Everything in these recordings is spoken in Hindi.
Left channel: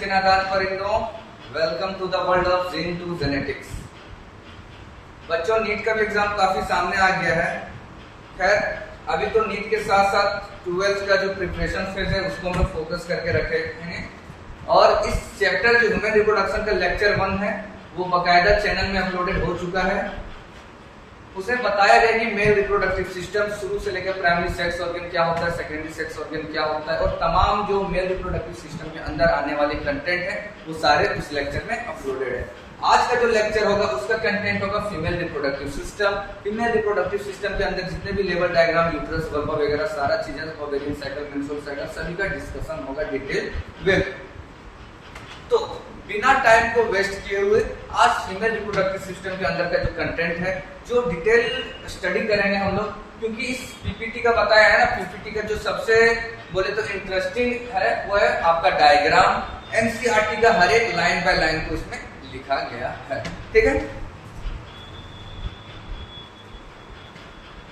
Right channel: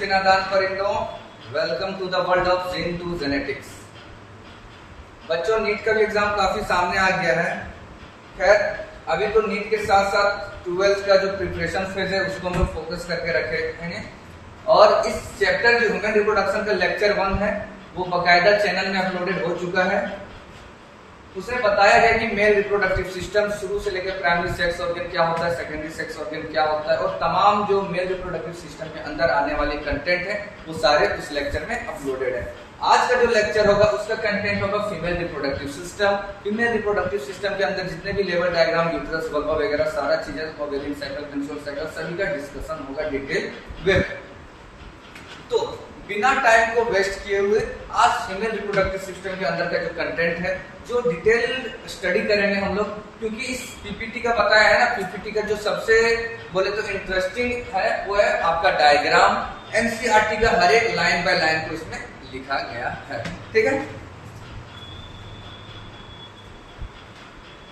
Srinadan Parindo. Welcome to the world of Zen to Genetics. बच्चों नीट का भी एग्जाम काफी सामने आ गया है। खैर अभी तो नीट के साथ साथ 12th का जो प्रिपरेशन फेज है उसको हम लोग फोकस करके रखे हैं और इस चैप्टर जो ह्यूमन रिप्रोडक्शन का लेक्चर 1 है वो बकायदा चैनल में अपलोडेड हो चुका है। उसमें बताया गया कि मेल रिप्रोडक्टिव सिस्टम शुरू से लेकर प्राइमरी सेक्स ऑर्गन क्या होता है, सेकेंडरी सेक्स ऑर्गन क्या होता है और तमाम जो मेल रिप्रोडक्टिव सिस्टम के अंदर आने वाले कंटेंट है वो सारे उस लेक्चर में अपलोडेड है। आज का जो लेक्चर होगा उसका कंटेंट होगा female reproductive system. Female reproductive system के अंदर जितने भी लेवल डायग्राम, यूट्रस, वल्वा वगैरह सारा चीजें, ओवेरियन साइकिल, मेंस्ट्रुअल साइकिल सभी का डिस्कशन होगा डिटेल वे। तो बिना टाइम को वेस्ट किए हुए आज फीमेल रिप्रोडक्टिव सिस्टम के अंदर का जो कंटेंट है जो डिटेल स्टडी करेंगे हम लोग, क्योंकि इस पीपीटी का बताया है ना, पीपीटी का जो सबसे बोले तो इंटरेस्टिंग है वो है आपका डायग्राम। एनसीईआरटी का हर एक लाइन बाय लाइन को इसमें लिखा गया है, ठीक है।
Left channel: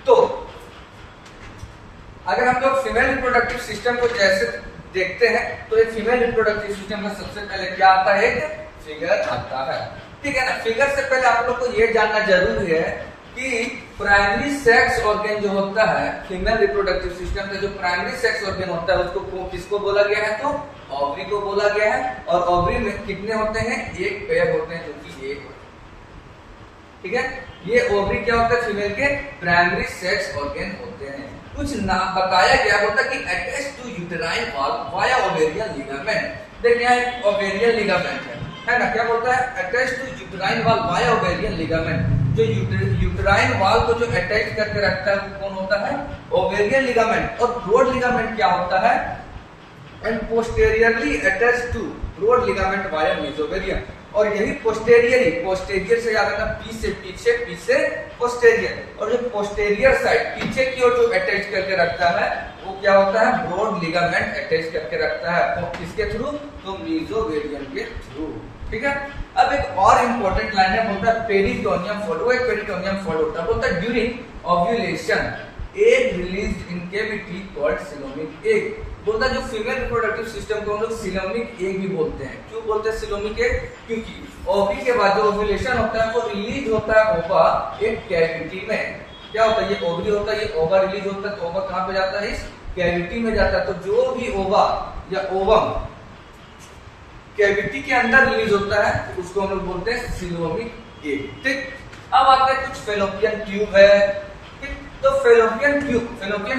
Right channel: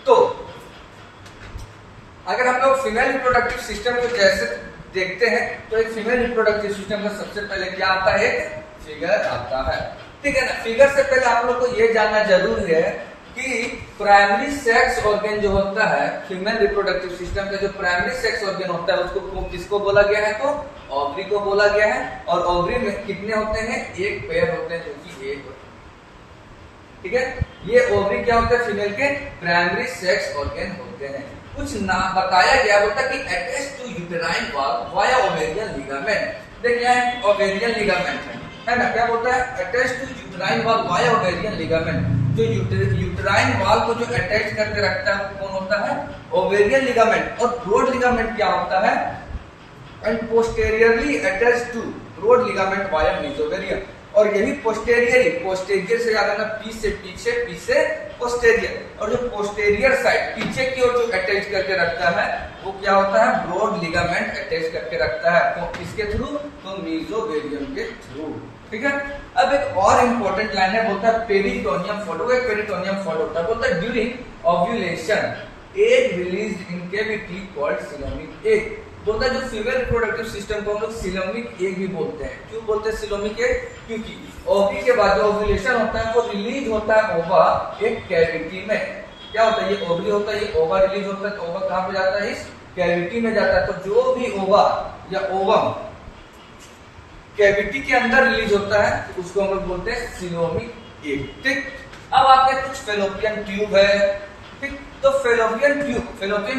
तो अगर हम लोग फीमेल रिप्रोडक्टिव सिस्टम को जैसे देखते हैं तो एक फीमेल रिप्रोडक्टिव सिस्टम में सबसे पहले क्या आता है, एक फिगर आता है, ठीक है ना। फिगर से पहले आप लोग को ये जानना जरूरी है कि प्राइमरी सेक्स ऑर्गन जो होता है फीमेल रिप्रोडक्टिव सिस्टम का, जो प्राइमरी सेक्स ऑर्गन होता है उसको किसको बोला गया है, तो ओवरी को बोला गया है। और ओवरी में कितने होते हैं, एक पेयर होते हैं जो कि एक होते हैं, ठीक है। ये ओवरी क्या होता है, फीमेल के प्राइमरी सेक्स ऑर्गन होते हैं। कुछ ना बताया गया होता कि attach to uterine wall via ovarian ligament. देखिए यहाँ ओवेरियन लिगामेंट है ना, क्या बोलता है, attach to uterine wall via ovarian ligament. जो यूटेराइन वॉल को जो अटैच करके रखता है वो कौन होता है, ओवेरियन लिगामेंट। और ब्रॉड लिगामेंट क्या होता है, and posteriorly attach to broad ligament via mesovarian. और यही पोस्टेरियरली, पोस्टेरियर से याद रखना, पी से पीछे, पी से पोस्टेरियर। और जो पोस्टेरियर साइड पीछे की ओर जो अटैच करके रखता है वो क्या होता है, ब्रॉड लिगामेंट अटैच करके रखता है। तो किसके थ्रू, तो मेसोवेरियन के थ्रू, ठीक है। अब एक और इंपॉर्टेंट लाइन है, बोलता है पेरिटोनियम फ्लूइड। वो एक पेरिटोनियम फ्लूइड होता है, बोलता है during ovulation egg released in cavity called coelomic egg. बोलता है जो फीमेल रिप्रोडक्टिव सिस्टम को हम लोग सिलोमिक एग भी बोलते हैं। क्यों बोलते हैं सिलोमिक एग, क्योंकि ओवरी के बाद जो ओव्यूलेशन होता है वो रिलीज होता है ओवा एक कैविटी में। क्या होता है, ये ओवरी होता है, ये ओवा रिलीज होता है, तो ओवा कहां पे जाता है, इस कैविटी में जाता है। तो जो भी ओवा या ओवम कैविटी के अंदर रिलीज होता है उसको हम लोग बोलते हैं सिलोमिक एग, ठीक। अब आपके कुछ फेलोपियन ट्यूब है, ठीक। तो फेलोपियन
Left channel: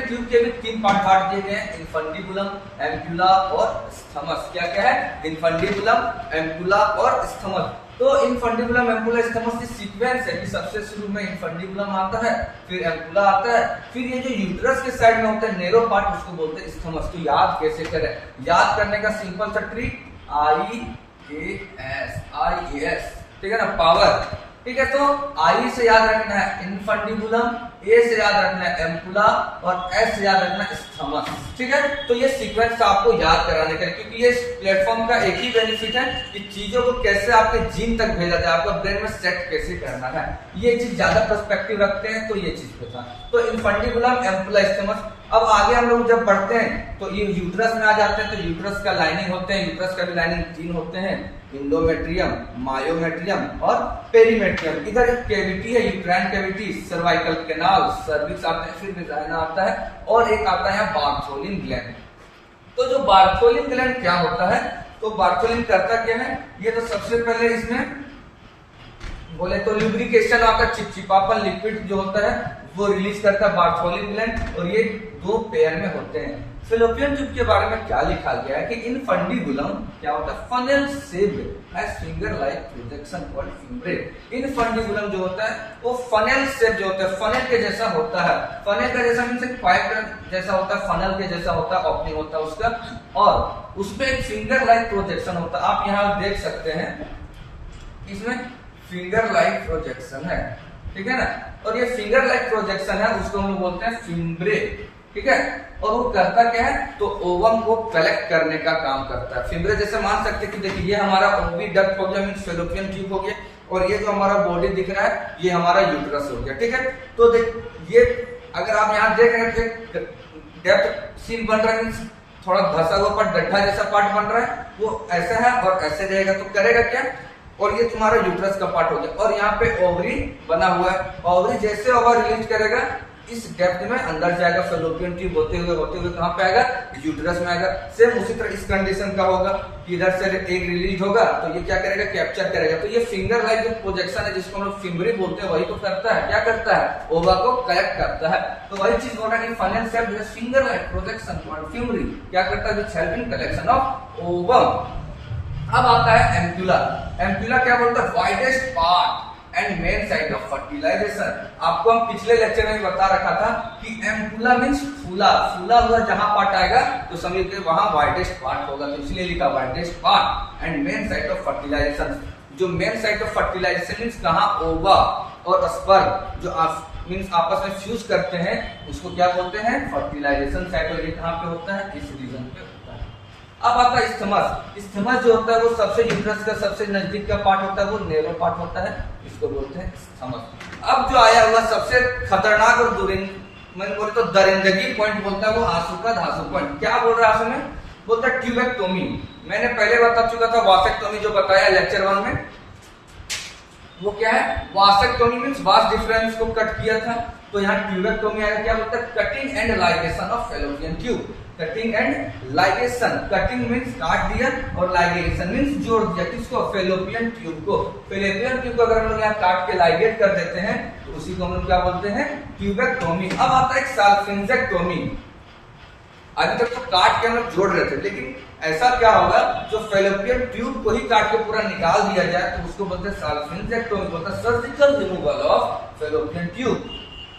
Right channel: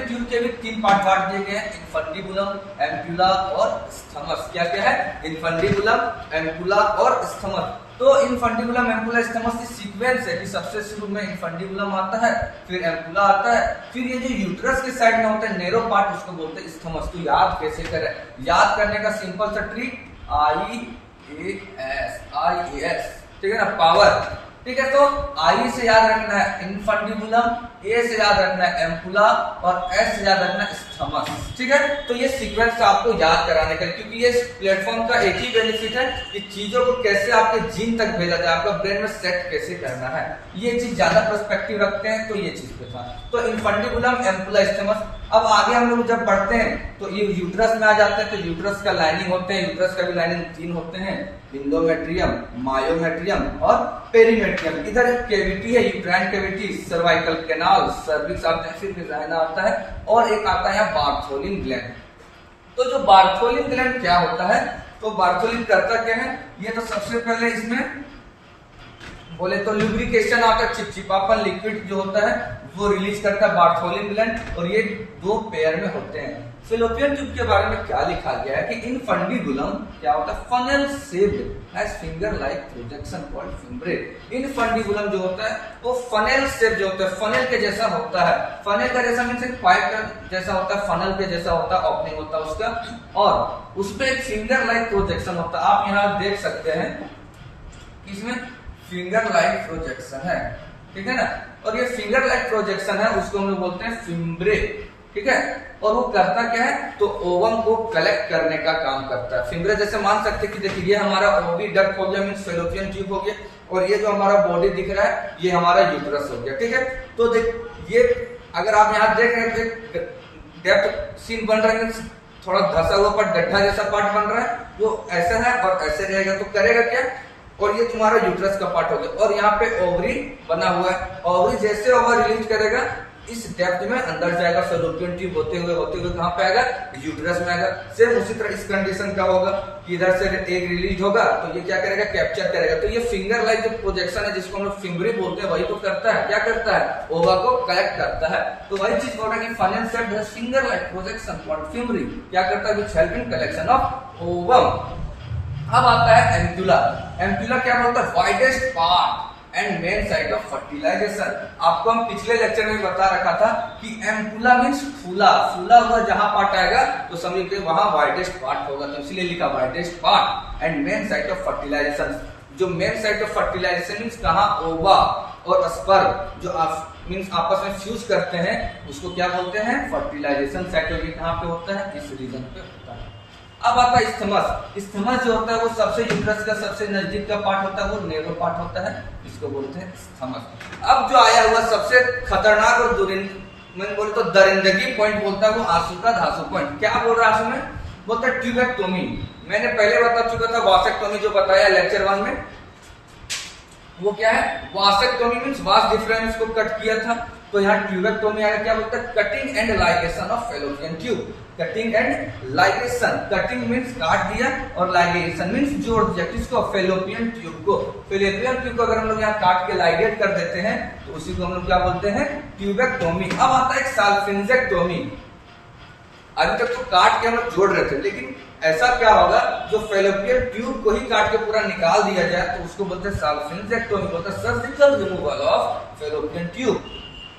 ट्यूब के भी 3 पार्ट दिए गए हैं, इनफंडिबुलम, एम्पुला और स्थमस। क्या क्या है, इनफंडिबुलम, एम्पुला और स्थमस। तो इनफंडिबुलम, एम्पुला, स्थमस की सीक्वेंस है कि सबसे शुरू में इनफंडिबुलम आता है, फिर एम्पुला आता है, फिर ये जो यूट्रस के साइड में होता है नेरो पार्ट उसको बोलते हैं स्थमस। तो याद कैसे करें, याद करने का सिंपल सा ट्रिक IAS, ठीक है ना, पावर, ठीक है। तो आई से याद रखना है इनफंडिबुलम, ए से याद रखना है एम्पुला और एस से याद रखना है स्थमस, ठीक है। तो ये सीक्वेंस आपको याद कराने का, क्योंकि ये प्लेटफॉर्म का एक ही बेनिफिट है कि चीजों को कैसे आपके जीन तक भेजा जाए, आपका ब्रेन में सेट कैसे करना है, ये चीज ज्यादा पर्सपेक्टिव रखते हैं। तो ये चीज पे था, तो इनफंडिबुलम, एम्पुला, स्थमस। अब आगे हम लोग जब बढ़ते हैं तो ये यूट्रस में आ जाते हैं। तो यूट्रस का लाइनिंग होते हैं, यूट्रस का भी लाइनिंग 3 होते हैं, इंडोमेट्रियम, मायोमेट्रियम और पेरीमेट्रियम। इधर एक कैविटी है, uterine cavity, cervical canal, cervix आता है, फिर वेजाइना आता है और एक आता है बार्थोलिन ग्लैंड। तो जो बार्थोलिन ग्लैंड क्या होता है, तो बार्थोलिन करता क्या है, ये तो सबसे पहले इसमें बोले तो लुब्रिकेशन आता है, चिपचिपापन लिक्विड जो होता है वो रिलीज करता है बार्थोलिन ग्लैंड। और ये 2 पेयर में होते हैं। फेलोपियन ट्यूब के बारे में क्या लिखा गया है कि इनफंडिबुलम क्या होता है, funnel shaped has finger like projection called fimbriae. Infundibulum जो होता है वो फनल शेप जो होता है, फनल के जैसा होता है। फनल का जैसा मींस एक पाइप का जैसा होता है, फनल के जैसा होता है, ओपनिंग होता है उसका, और उसमें एक फिंगर लाइक प्रोजेक्शन होता है। आप यहाँ देख सकते हैं इसमें फिंगर लाइक प्रोजेक्शन है, ठीक है ना। और ये फिंगर लाइक प्रोजेक्शन है उसको हम लोग बोलते हैं फिम्ब्रे, ठीक है। और वो करता क्या है, तो ओवम को कलेक्ट करने का काम करता है। फिम्ब्रे जैसे मान सकते हैं कि देखिए ये हमारा ओवी डक्ट हो गया, मींस फेलोपियन ट्यूब हो गया, और ये जो हमारा बॉडी दिख रहा है ये हमारा यूट्रस हो गया, ठीक है। तो देख ये अगर आप यहाँ देख रहे हैं डेप्थ सीन बन रहा है, थोड़ा धसा हुआ पार्ट, गड्ढा जैसा पार्ट बन रहा है, वो ऐसा है और ऐसे रहेगा, तो करेगा क्या, और ये तुम्हारा यूट्रस का पार्ट हो गया, और यहाँ पे ओवरी बना हुआ है, ओवरी जैसे ओवर रिलीज करेगा इस डेप्थ में अंदर जाएगा, फेलोपियन ट्यूब होते हुए कहां पे आएगा, यूट्रस में आएगा। सेम उसी तरह इस कंडीशन का होगा कि इधर से एग रिलीज होगा तो ये क्या करेगा, कैप्चर करेगा। तो ये फिंगर लाइक जो प्रोजेक्शन है जिसको हम लोग फिंगरी बोलते हैं, वही तो करता है, क्या करता है, ओवा को कलेक्ट करता है। तो वही चीज बोल रहा है कि फलन cell has finger like projection called फिंगरी, क्या करता है, which help in collection of ovum. अब आता है एम्पुला। एम्पुला क्या बोलता है, widest part and main site of fertilisation. आपको हम पिछले लेक्चर में बता रखा था कि एम्पुला मींस फूला, फूला हुआ जहां पार्ट आएगा तो समझ के वहां वाइडेस्ट पार्ट होगा, तो इसलिए लिखा widest part and main site of fertilisation. जो main site of fertilisation means कहां, ओवा और स्पर्म जो मींस आपस में फ्यूज करते हैं उसको क्या बोलते हैं, फर्टिलाइजेशन साइट। और ये कहां पे होता है, इस रीजन पे होता है। अब आता है स्थमस। स्थमस जो होता है वो सबसे यूट्रस का सबसे नजदीक का पार्ट होता है, वो नेरो पार्ट होता है, इसको बोलते हैं स्थमस। अब जो आया हुआ सबसे खतरनाक और मैंने बोले तो दरिंदगी पॉइंट बोलता है, वो आंसू का धांसू पॉइंट। क्या बोल रहा है आंसू में, बोलता है ट्यूबेक्टोमी। मैंने पहले बता चुका था वासेक्टोमी जो बताया लेक्चर 1 में, वो क्या है, वासेक्टोमी मींस वास डिफरेंस को कट किया था, तो यहाँ ट्यूबेक्टोमी आएगा, क्या बोलता है, cutting and ligation of fallopian tube. Cutting and ligation, cutting means काट दिया और लाइगेशन मींस जोड़ दिया, किसको, फेलोपियन ट्यूब को। फेलोपियन ट्यूब को अगर हम लोग यहाँ काट के लाइगेट कर देते हैं तो उसी को हम लोग क्या बोलते हैं, ट्यूबेक्टोमी। अब आता है साल्फिंजेक्टोमी। अभी तक तो काट के हम लोग जोड़ रहे थे, लेकिन ऐसा क्या होगा जो फेलोपियन ट्यूब को ही काट के पूरा निकाल दिया जाए तो उसको बोलते हैं साल्फिंजेक्टोमी, बोलते हैं surgical removal of fallopian tube.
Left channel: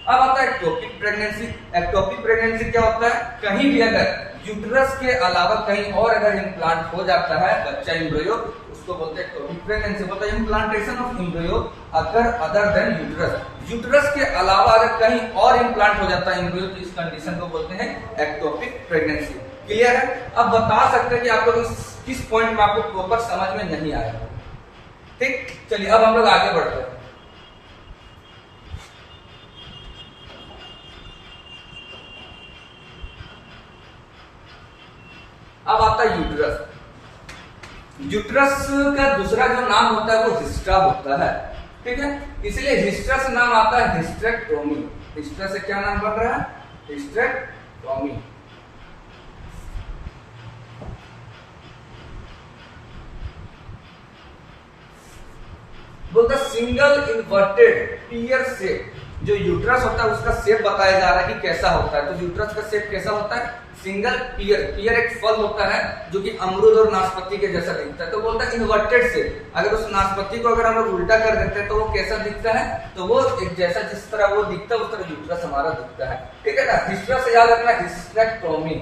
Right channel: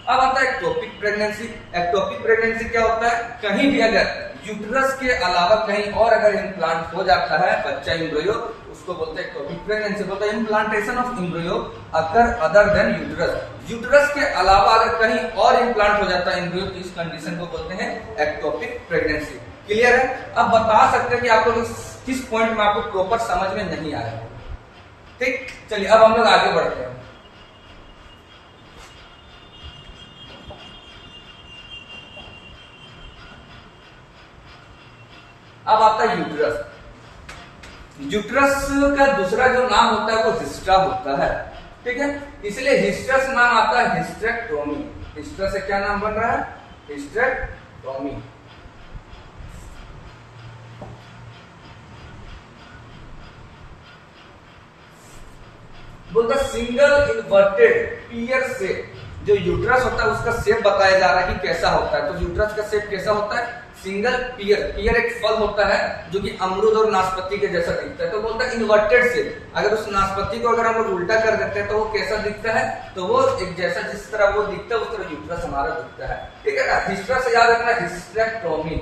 अब आता है एक्टोपिक प्रेगनेंसी। एक्टोपिक प्रेगनेंसी क्या होता है, कहीं भी अगर यूट्रस के अलावा कहीं और अगर इम्प्लांट हो जाता है बच्चा एम्ब्रियो, उसको बोलते हैं एक्टोपिक प्रेगनेंसी। बोलते हैं implantation of embryo occur other than uterus. Uterus के अलावा अगर कहीं और इम्प्लांट हो जाता है एम्ब्रियो तो इस कंडीशन को बोलते हैं एक्टोपिक प्रेगनेंसी। क्लियर है। अब बता सकते हैं कि आप लोग किस पॉइंट में आपको प्रॉपर समझ में नहीं आया, ठीक। चलिए अब हम लोग आगे बढ़ते हैं। अब आता है यूट्रस। यूट्रस का दूसरा जो नाम होता है वो हिस्ट्रा होता है, ठीक है, इसलिए हिस्ट्रस नाम आता है हिस्ट्रेक्टोमी। हिस्ट्रस से क्या नाम बन रहा है, हिस्ट्रेक्टोमी। बोलता सिंगल इन्वर्टेड पियर शेप। जो यूट्रस होता है उसका शेप बताया जा रहा है कि कैसा होता है, तो यूट्रस का शेप कैसा होता है, सिंगल पियर। पियर एक फल होता है जो कि अमरूद और नाशपाती के जैसा दिखता है, तो बोलता है इन्वर्टेड शेप। अगर उस नाशपाती को अगर हम लोग उल्टा कर देते हैं तो वो कैसा दिखता है, तो वो एक जैसा जिस तरह वो दिखता है उस तरह यूट्रस हमारा दिखता है, ठीक है ना। हिस्ट्रा से याद रखना हिस्ट्रेक्टोमी।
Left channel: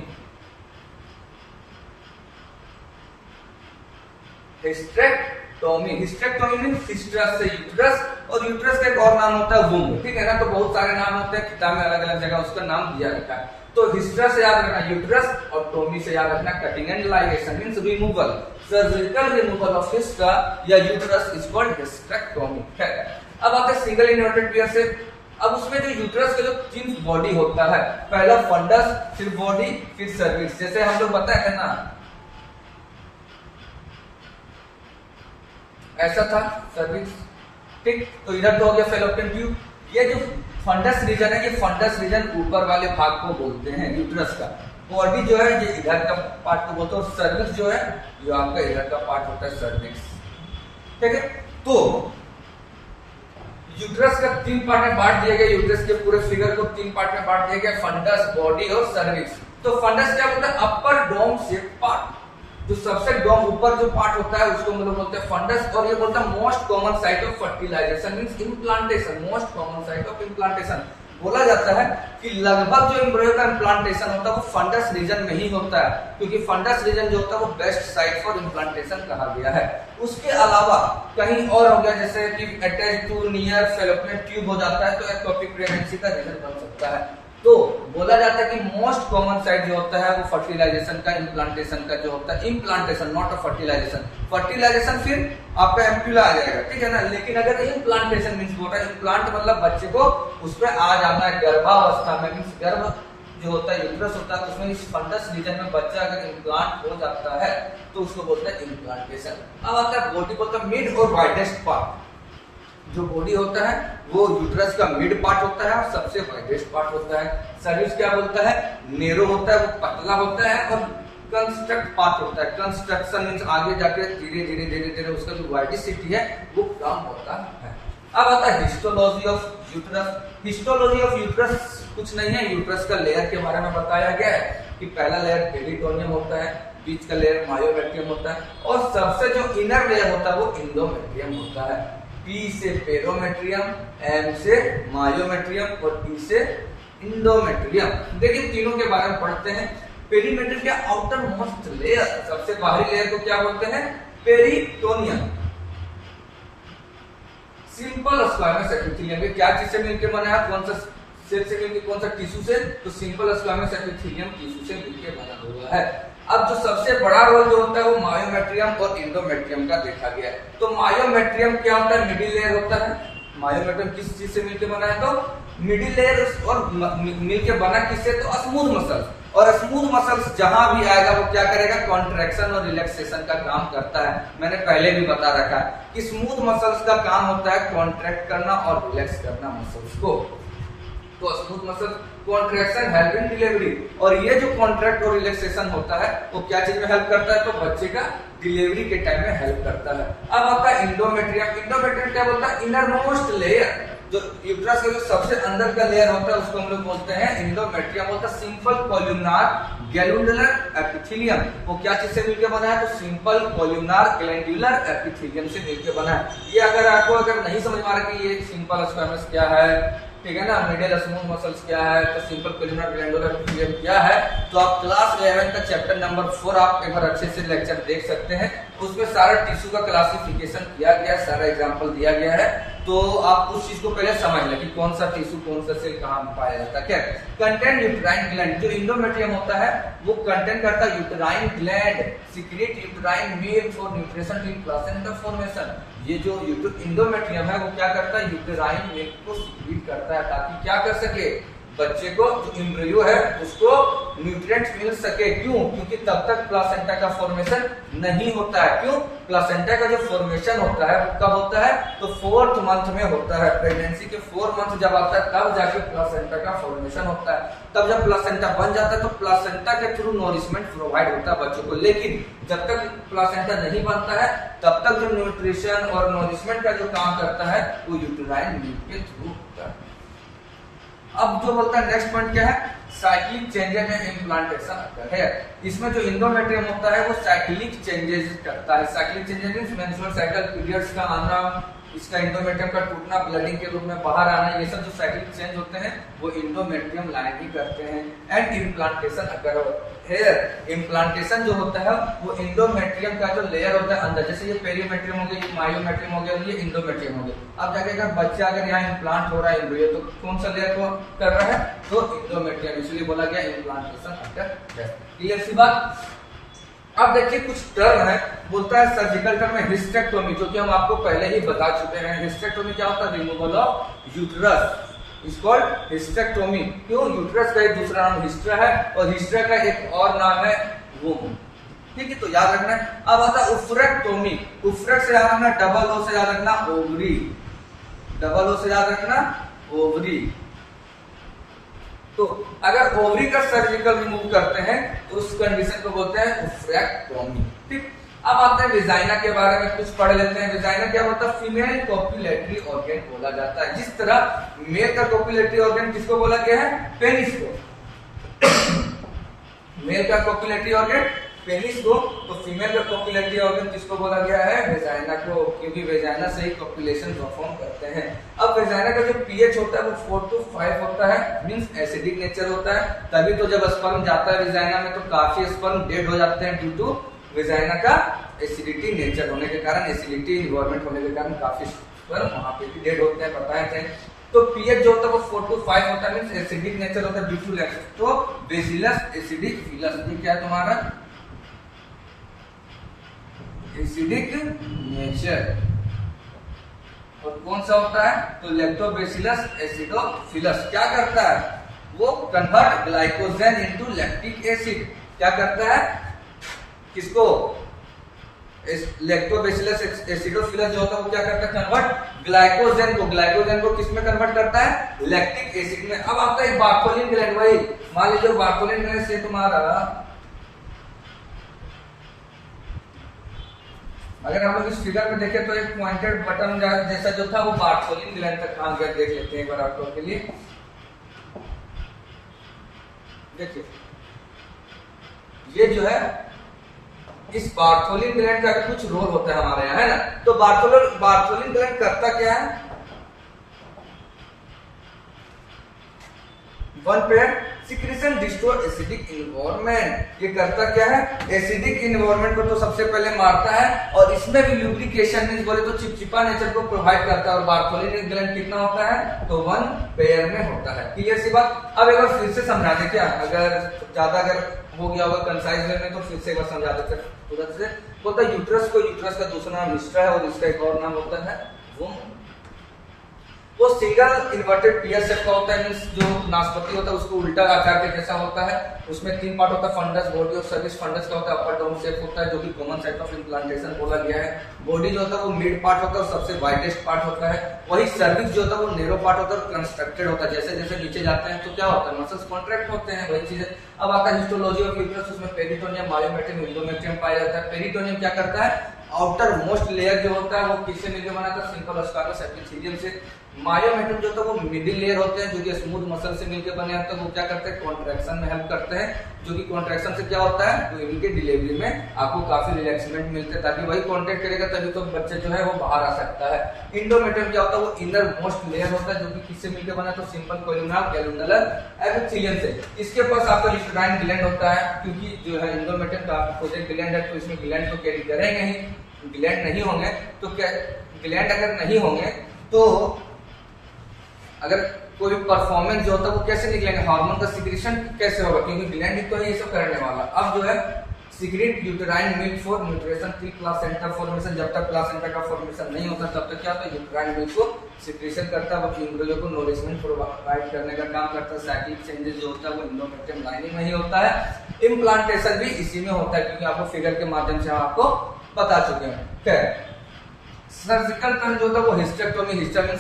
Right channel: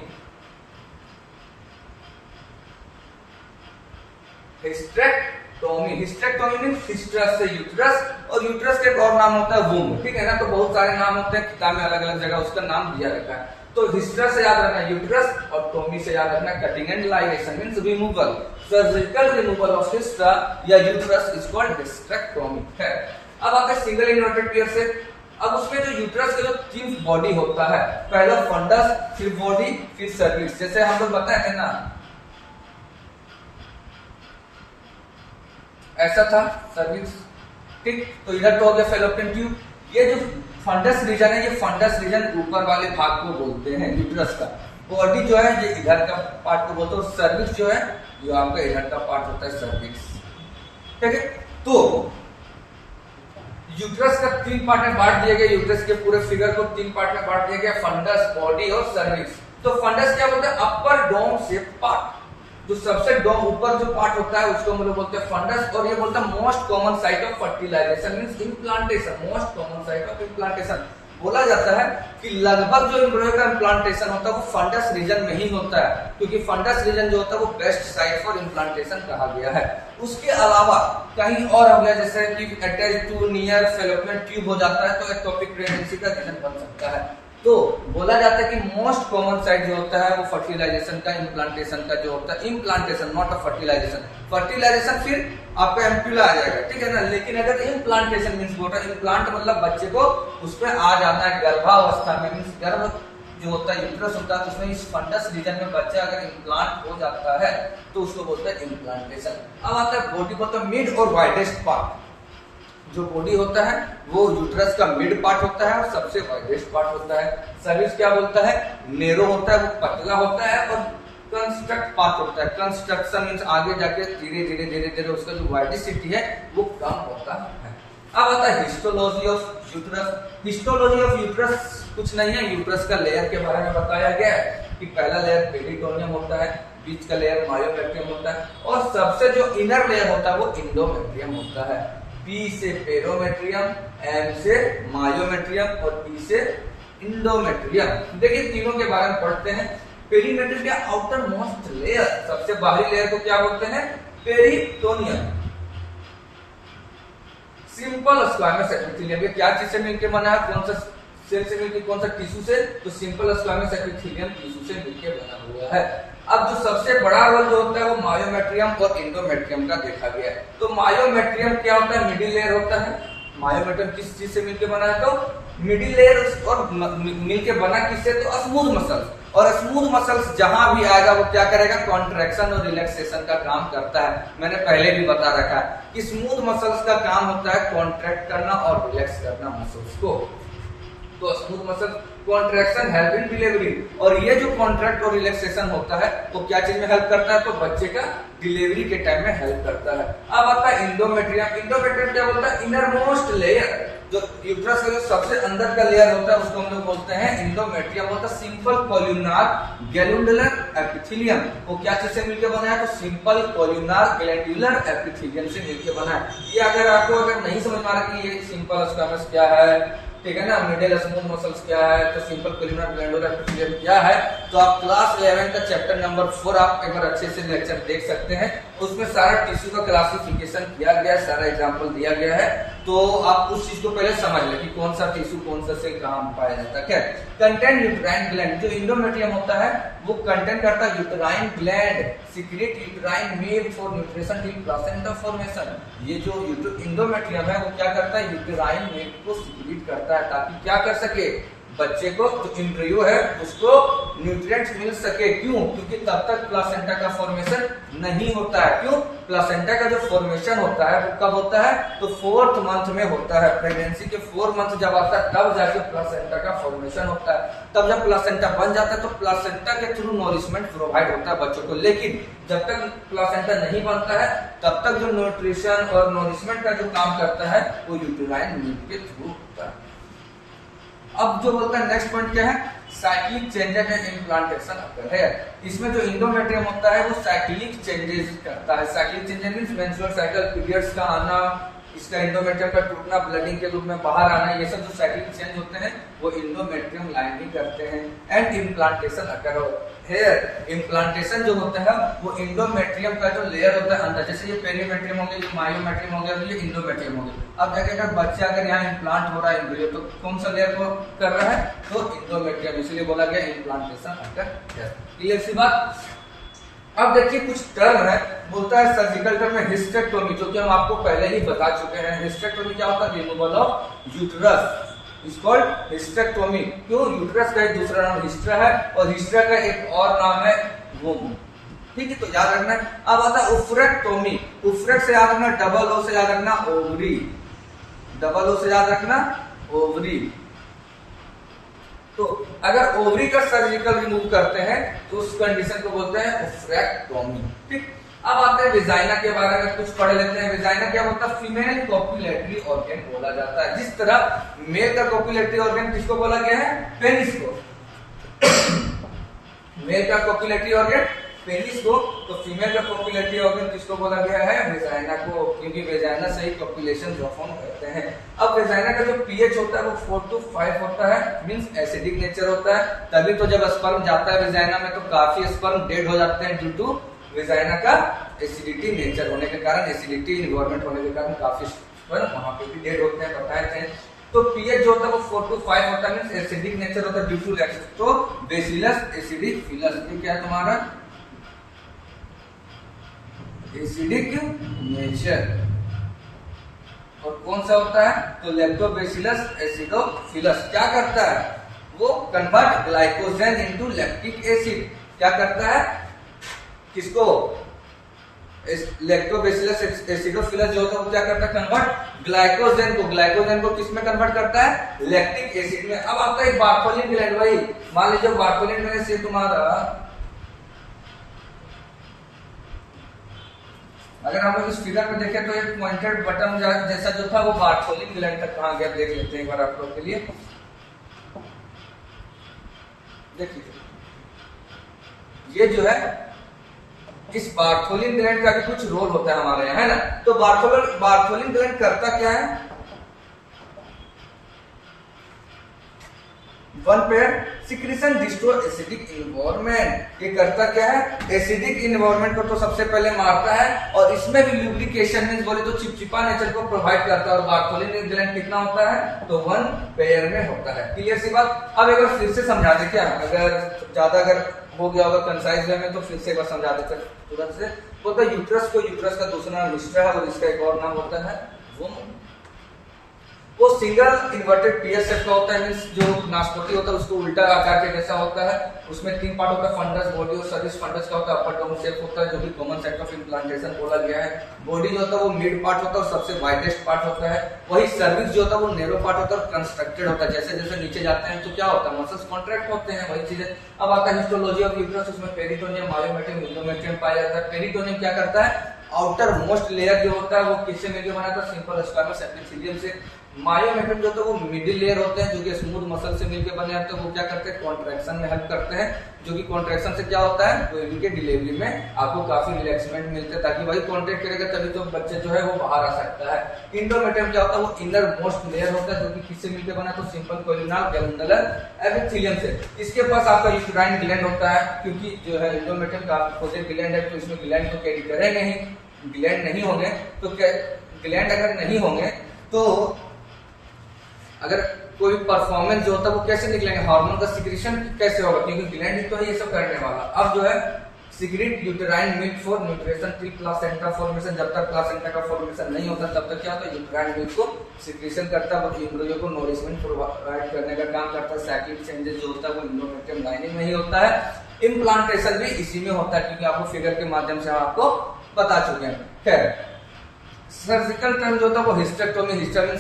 हिस्ट्रेक्टोमी, हिस्ट्रेक्टोमी मींस हिस्ट्रस से यूट्रस, और यूट्रस का एक और नाम होता है वुम्ब, ठीक है ना। तो बहुत सारे नाम होते हैं, किताब में अलग अलग जगह उसका नाम दिया रखा है। तो हिस्ट्रस से याद रखना यूट्रस, और टोमी से याद रखना cutting and ligation means removal, surgical removal of हिस्ट्रा या यूट्रस इज कॉल्ड हिस्ट्रेक्टोमी। है। अब आते हैं सिंगल इन्वर्टेड पियर से। अब उसमें जो यूट्रस का जो 3 बॉडी होता है, पहला फंडस, फिर बॉडी, फिर सर्विक्स। जैसे हम लोग बताए थे ना, ऐसा था सर्विक्स, ठीक। तो इधर तो हो गया फेलोपियन ट्यूब। ये जो फंडस रीजन है, ये फंडस रीजन ऊपर वाले भाग को बोलते हैं यूट्रस का। बॉडी जो है ये इधर का पार्ट को बोलते हैं, और सर्विक्स जो है जो आपका इधर का पार्ट होता है सर्विक्स, ठीक है। तो यूट्रस का 3 पार्ट में बांट दिया गया, यूट्रस के पूरे फिगर को 3 पार्ट में बांट दिया गया, फंडस, बॉडी और सर्विक्स। तो फंडस क्या बोलते हैं, अपर डोम शेप पार्ट, जो सबसे डोम ऊपर जो पार्ट होता है उसको हम लोग बोलते हैं फंडस। और ये बोलता है most common site of fertilisation means implantation, most common site of implantation. बोला जाता है कि लगभग जो एम्ब्रियो का इम्प्लांटेशन होता है वो फंडस रीजन में ही होता है, क्योंकि फंडस रीजन जो होता है वो बेस्ट साइट फॉर इम्प्लांटेशन कहा गया है। उसके अलावा कहीं और हो गया, जैसे कि attach to near fallopian tube हो जाता है तो एक्टोपिक प्रेगनेंसी का रीजन बन सकता है। तो बोला जाता है कि मोस्ट कॉमन साइट जो होता है वो फर्टिलाइजेशन का, इम्प्लांटेशन का जो होता है, implantation not a fertilization. Fertilization फिर आपका एम्प्यूला आ जाएगा, ठीक है ना। लेकिन अगर इम्प्लांटेशन मींस बोल रहा है, इम्प्लांट मतलब बच्चे को उस पर आ जाना है गर्भावस्था में, मींस गर्भ जो होता है यूट्रस होता है, उसमें इस फंडस रीजन में बच्चा अगर इम्प्लांट हो जाता है तो उसको बोलते हैं इम्प्लांटेशन। अब आता है बॉडी बोलता है मिड और वाइडेस्ट पार्ट। जो बॉडी होता है वो यूट्रस का मिड पार्ट होता है और सबसे वाइडेस्ट पार्ट होता है। सर्विस क्या बोलता है, नेरो होता है, वो पतला होता है, और कंस्ट्रक्ट पार्ट होता है। कंस्ट्रक्शन मींस आगे जाके धीरे धीरे धीरे धीरे उसका जो वाइडिसिटी है वो कम होता है। अब आता है histology of uterus. Histology of uterus कुछ नहीं है, यूट्रस का लेयर के बारे में बताया गया है कि पहला लेयर पेरिटोनियम होता है, बीच का लेयर मायोमेट्रियम होता है, और सबसे जो इनर लेयर होता है वो इंडोमेट्रियम होता है। पी से पेरोमेट्रियम, एम से मायोमेट्रियम और पी से इंडोमेट्रियम। देखिए तीनों के बारे में पढ़ते हैं। पेरीमेटर के आउटर मोस्ट लेयर, सबसे बाहरी लेयर को क्या बोलते हैं, पेरिटोनियम। सिंपल स्क्वामस एपिथेलियम क्या चीज से मिलकर बना है, कौन सा सेल से मिलकर, कौन सा टिश्यू से, तो सिंपल स्क्वामस एपिथेलियम टिश्यू से मिलकर बना हुआ है। अब जो सबसे बड़ा रोल जो होता है वो मायोमेट्रियम और इंडोमेट्रियम का देखा गया है। तो मायोमेट्रियम क्या होता है, मिडिल लेयर होता है। मायोमेट्रियम किस चीज से मिलकर बना है, तो मिडिल लेयर, और मिलकर बना किससे, तो स्मूथ मसल्स। और स्मूथ मसल्स जहां भी आएगा वो क्या करेगा, कॉन्ट्रैक्शन और रिलैक्सेशन का काम करता है। मैंने पहले भी बता रखा है कि स्मूथ मसल्स का काम होता है कॉन्ट्रैक्ट करना और रिलैक्स करना मसल्स को। तो smooth muscle contraction help in delivery, और ये जो कॉन्ट्रैक्ट और रिलैक्सेशन होता है वो क्या चीज में हेल्प करता है, तो बच्चे का डिलीवरी के टाइम में हेल्प करता है। अब आता है इंडोमेट्रियम। इंडोमेट्रियम क्या बोलता है, इनर मोस्ट लेयर, जो यूट्रस का जो सबसे अंदर का लेयर होता है उसको हम लोग बोलते हैं इंडोमेट्रियम। होता है सिंपल कॉल्यूमनार ग्लैंडुलर एपिथेलियम। वो क्या चीज से मिलकर बना है, तो सिंपल कॉल्यूमनार ग्लैंडुलर एपिथेलियम से मिलकर बना है। ये अगर नहीं समझ में आ रहा कि ये सिंपल स्क्वामस क्या है, ठीक है ना, मिडिल स्मूथ मसल्स क्या है, तो सिंपल कॉल्यूमनार ग्लैंडुलर एपिथेलियम क्या है, तो आप क्लास 11 का चैप्टर नंबर 4 आप एक बार अच्छे से लेक्चर देख सकते हैं। उसमें सारा टिश्यू का क्लासिफिकेशन किया गया है, सारा एग्जांपल दिया गया है। तो आप उस चीज को पहले समझ लें कि कौन सा टिश्यू कौन सा सेल कहां पाया जाता है। क्या कंटेंट यूट्राइन ग्लैंड, जो इंडोमेट्रियम होता है वो कंटेंट करता है uterine gland, secret uterine milk for nutrition till placenta formation. ये जो इंडोमेट्रियम है वो क्या करता है, यूट्राइन मिल्क को सीक्रेट करता है ताकि क्या कर सके, बच्चे को जो एम्ब्रियो है उसको न्यूट्रिएंट्स मिल सके। क्यों, क्योंकि तब तक प्लासेंटा का फॉर्मेशन नहीं होता है। क्यों, प्लासेंटा का जो फॉर्मेशन होता है वो कब होता है, तो 4th मंथ में होता है। प्रेगनेंसी के 4 मंथ जब आता है तब जाके प्लासेंटा का फॉर्मेशन होता है। तब जब प्लासेंटा बन जाता है तो प्लासेंटा के थ्रू नॉरिशमेंट प्रोवाइड होता है बच्चों को। लेकिन जब तक प्लासेंटा नहीं बनता है तब तक जो न्यूट्रिशन और नॉरिशमेंट का जो काम करता है वो यूट्राइन मिल्क के थ्रू होता है। अब जो बोलता है नेक्स्ट पॉइंट क्या है, साइक्लिक चेंजेस इन इम्प्लांटेशन अकर है। इसमें जो इंडोमेट्रियम होता है वो साइक्लिक चेंजेस करता है। Cyclic changes means menstrual cycle periods का आना, इसका इंडोमेट्रियम का टूटना, ब्लडिंग के रूप में बाहर आना, ये सब जो साइक्लिक चेंज होते हैं वो इंडोमेट्रियम लाइन ही करते हैं। And implantation occur here, implantation जो होता है वो इंडोमेट्रियम का जो लेयर होता है अंदर, जैसे ये पेरीमेट्रियम हो गया, ये मायोमेट्रियम हो गया, ये इंडोमेट्रियम हो गया। अब जाके अगर बच्चा अगर यहाँ इम्प्लांट हो रहा है एम्ब्रियो, तो कौन सा लेयर को कर रहा है, तो इंडोमेट्रियम, इसलिए बोला गया इम्प्लांटेशन अकर। क्लियर सी बात। अब देखिए कुछ टर्म है, बोलता है सर्जिकल टर्म में हिस्टेक्टोमी, जो कि हम आपको पहले ही बता चुके हैं। हिस्टेक्टोमी क्या होता है, removal of uterus is called hysterectomy. क्यों, यूट्रस का एक दूसरा नाम हिस्ट्रा है और हिस्ट्रा का एक और नाम है वोम। ठीक है, तो याद रखना है। अब आता है उफ्रेक्टोमी। उफ्रेक्ट से याद रखना, डबल ओ से याद रखना ओवरी, डबल ओ से याद रखना ओवरी। तो अगर ओवरी का सर्जिकल रिमूव करते हैं तो उस कंडीशन को बोलते हैं उफ्रेक्टोमी। ठीक, अब आते हैं विजाइना के बारे में कुछ पढ़ लेते हैं। विजाइना क्या होता है, फीमेल कॉपुलेटरी ऑर्गन बोला जाता है। जिस तरह मेल का कॉपुलेटरी ऑर्गन किसको बोला गया है, पेनिस को। मेल का कॉपुलेटरी ऑर्गन पेनिस को, तो फीमेल का कॉपुलेटरी ऑर्गन किसको बोला गया है, वेजाइना को, क्योंकि वेजाइना से ही कॉपुलेशन परफॉर्म करते हैं। अब वेजाइना का जो पीएच होता है वो 4 to 5 होता है, मींस एसिडिक नेचर होता है। तभी तो जब स्पर्म जाता है वेजाइना में तो काफी स्पर्म डेड हो जाते हैं ड्यू टू वेजाइना का एसिडिटी नेचर होने के कारण, एसिडिटी इन्वायरमेंट होने के कारण काफी स्पर्म वहां पे भी डेड होते हैं, बताया थे। तो पीएच जो होता है वो 4 to 5 होता है, मींस एसिडिक नेचर होता है ड्यू टू लैक्स। तो बेसिलस एसिडिक फिलस, ये क्या है तुम्हारा, एसिडिक नेचर। और कौन सा होता है, तो लैक्टोबैसिलस एसिडोफिलस। क्या करता है, वो convert glycogen into lactic acid. क्या करता है? किसको? लैक्टोबैसिलस एसिडोफिलस जो होता है वो क्या करता है? कन्वर्ट ग्लाइकोजन को किस में कन्वर्ट करता है? लैक्टिक एसिड में। अब आपका एक बार्थोलिन ग्लैंड, वही मान लीजिए बार्थोलिन ग्लैंड से तुम्हारा, अगर हम लोग इस फिगर में देखें तो एक पॉइंटेड बटन जैसा जो था वो बार्थोलिन ग्लैंड तक कहां गया देख लेते हैं एक बार आप लोग के लिए। देखिए ये जो है इस बार्थोलिन ग्लैंड का भी कुछ रोल होता है हमारे यहाँ, है ना। तो बार्थोलिन ग्लैंड करता क्या है? One pair secretion destroy acidic environment. ये करता क्या है? एसिडिक इन्वायरमेंट को तो सबसे पहले मारता है और इसमें भी लुब्रिकेशन मींस बोले तो चिपचिपा नेचर को प्रोवाइड करता है। और बार्थोलिन ग्लैंड कितना होता है? तो वन पेयर में होता है। क्लियर सी बात। अब एक बार फिर से समझा दे क्या, अगर ज्यादा अगर हो गया होगा कंसाइज वे में तो फिर से एक बार समझा देते तुरंत से। बोलता है यूट्रस को, यूट्रस का दूसरा नाम हिस्ट्रा है और इसका एक और नाम होता है वुमन। वो सिंगल इन्वर्टेड पीएस शेप का होता है, मींस जो नाशपाती होता है उसको उल्टा आकार के जैसा होता है। उसमें 3 पार्ट होता है, फंडस, बॉडी और सर्विस। फंडस का होता है अपर डाउन शेप होता है जो कि कॉमन साइट ऑफ इम्प्लांटेशन बोला गया है। बॉडी जो होता है वो मिड पार्ट होता है और सबसे वाइडेस्ट पार्ट होता है। वही सर्विस जो होता है वो नैरो पार्ट होता है और कंस्ट्रक्टेड होता है। जैसे जैसे नीचे जाते हैं तो क्या होता है? मसल्स कॉन्ट्रैक्ट होते हैं, वही चीजें। अब आता है हिस्टोलॉजी ऑफ यूट्रस, उसमें पेरिटोनियम, मायोमेट्रियम, एंडोमेट्रियम पाया जाता है। पेरिटोनियम क्या करता है? आउटर मोस्ट लेयर जो होता है वो किससे मिलकर बना था? सिंपल स्क्वामस एपिथेलियम से। मायोमेट्रियम जो होता है वो मिडिल लेयर होते हैं जो कि स्मूथ मसल से मिलकर बने होते हैं। वो क्या करते हैं? कॉन्ट्रैक्शन में हेल्प करते हैं, जो कि कॉन्ट्रैक्शन से क्या होता है? तो इनके डिलीवरी में आपको काफी रिलैक्समेंट मिलते हैं, ताकि वही कॉन्ट्रैक्ट करेगा तभी तो बच्चे जो है वो बाहर आ सकता है। इंडोमेट्रियम क्या होता है? वो इनर मोस्ट लेयर होता है जो कि किससे मिलकर बना है? तो सिंपल कोलिनल गैल्यूनर एपिथेलियम से। इसके पास आपका यूट्राइन ग्लैंड होता है, क्योंकि जो है इंडोमेट्रियम काफी खोजे ग्लैंड है तो इसमें ग्लैंड को कैरी करेंगे ही। ग्लैंड नहीं होंगे तो क्या, ग्लैंड अगर नहीं होंगे तो अगर कोई परफॉर्मेंस जो होता है वो कैसे निकलेंगे? हार्मोन का सिक्रीशन कैसे होगा? क्योंकि ग्लैंड ही तो है ये सब करने वाला। अब जो है secrete uterine milk for nutrition till placenta formation. जब तक प्लासेंटा का फॉर्मेशन नहीं होता तब तक क्या होता है? यूटेराइन मिल्क को सिक्रीशन करता है, वो एम्ब्रियो को नॉरिशमेंट प्रोवाइड करने का काम करता है। साइक्लिक चेंजेस जो होता है वो एंडोमेट्रियम लाइनिंग में ही होता है। इम्प्लांटेशन भी इसी में होता है, क्योंकि आपको फिगर के माध्यम से आपको बता चुके हैं। खैर, सर्जिकल टर्म जो होता है वो hysterectomy. Hysterectomy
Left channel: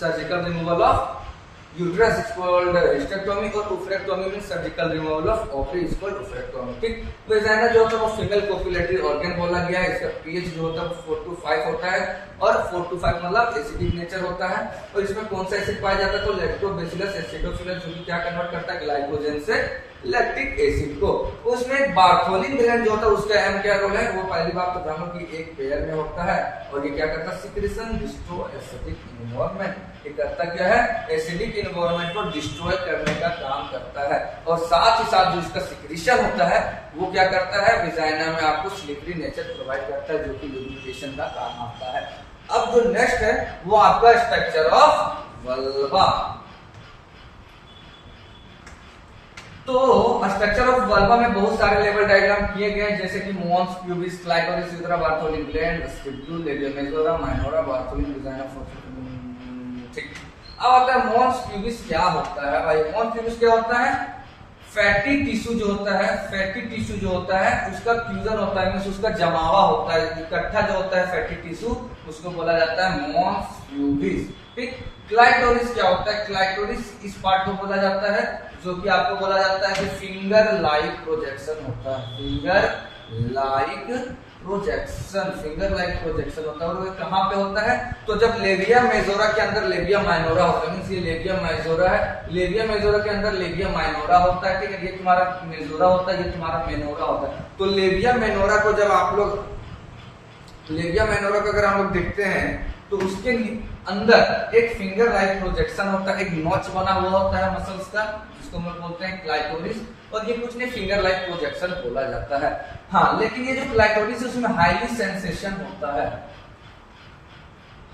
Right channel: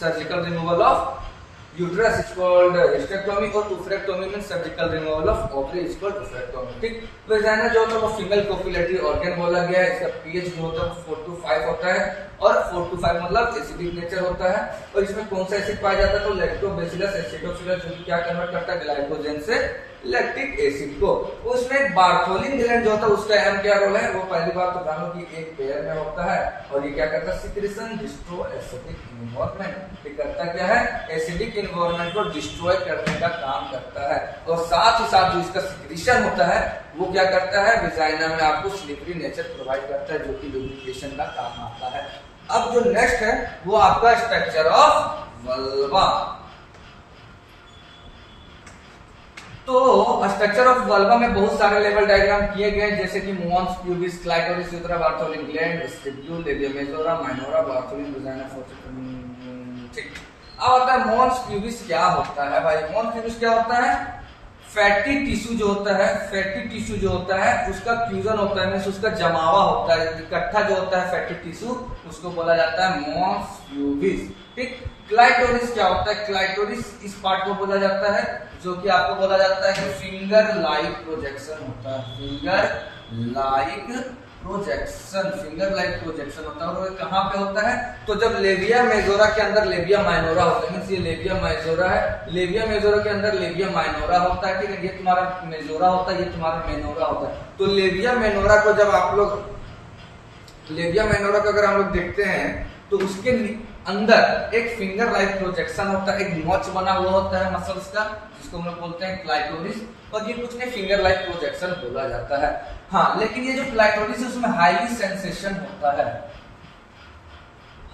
surgical removal of uterus is called hysterectomy, और oophorectomy means surgical removal of ovary is called oophorectomy. ठीक। वेजाइना जो होता है वो फीमेल कोपुलेटरी ऑर्गन बोला गया है। इसका पीएच जो होता है वो 4 to 5 होता है, और 4 to 5 मतलब एसिडिक नेचर होता है। और इसमें कौन सा एसिड पाया जाता है? तो लैक्टोबैसिलस एसिडोफिलस, जो कि क्या कन्वर्ट करता है? ग्लाइकोजन से लैक्टिक एसिड को। उसमें बार्थोलिन ग्लैंड जो होता है उसका अहम क्या रोल है? वो पहली बार तो जानो कि एक पेयर में होता है, और ये क्या करता है? Secretion destroy acidic environment. ये करता क्या है? एसिडिक इन्वायरमेंट को डिस्ट्रॉय करने का काम करता है। और साथ ही साथ जो इसका सिक्रीशन होता है वो क्या करता है? विजाइना में आपको स्लिपरी नेचर प्रोवाइड करता है, जो कि लुब्रिकेशन का काम आता है। अब जो नेक्स्ट है वो आपका स्ट्रक्चर ऑफ वल्वा। तो स्ट्रक्चर ऑफ वल्वा में बहुत सारे लेवल डायग्राम किए गए, जैसे कि mons, pubis, clitoris, urethra, Bartholin gland, vestibule, labia majora, minora, Bartholin, vagina, फोर्सिफिन। ठीक। अब आता है मोन्स प्यूबिस क्या होता है भाई? मोन्स प्यूबिस क्या होता है? फैटी टिश्यू जो होता है, फैटी टिश्यू जो होता है उसका फ्यूजन होता है, मींस उसका जमावा होता है, इकट्ठा जो होता है फैटी टिश्यू, उसको बोला जाता है मोन्स प्यूबिस। ठीक। क्लाइटोरिस क्या होता है? क्लाइटोरिस इस पार्ट को बोला जाता है जो कि आपको बोला जाता है कि फिंगर लाइक प्रोजेक्शन होता है। Finger like projection, finger like projection होता है। और कहाँ पे होता है? तो जब लेबिया मेजोरा के अंदर लेबिया माइनोरा होता है, मींस ये लेबिया मेजोरा है, लेबिया मेजोरा के अंदर लेबिया माइनोरा होता है। ठीक है, ये तुम्हारा मेजोरा होता है, ये तुम्हारा मेनोरा होता है। तो लेबिया मेनोरा को जब आप लोग, लेबिया मेनोरा को अगर हम लोग देखते हैं तो उसके अंदर एक फिंगर लाइक प्रोजेक्शन होता है, एक नॉच बना हुआ होता है मसल्स का, जिसको हम लोग बोलते हैं क्लाइटोरिस। और ये कुछ नहीं, फिंगर लाइक प्रोजेक्शन बोला जाता है। हाँ, लेकिन ये जो क्लाइटोरिस है उसमें हाईली सेंसेशन होता है,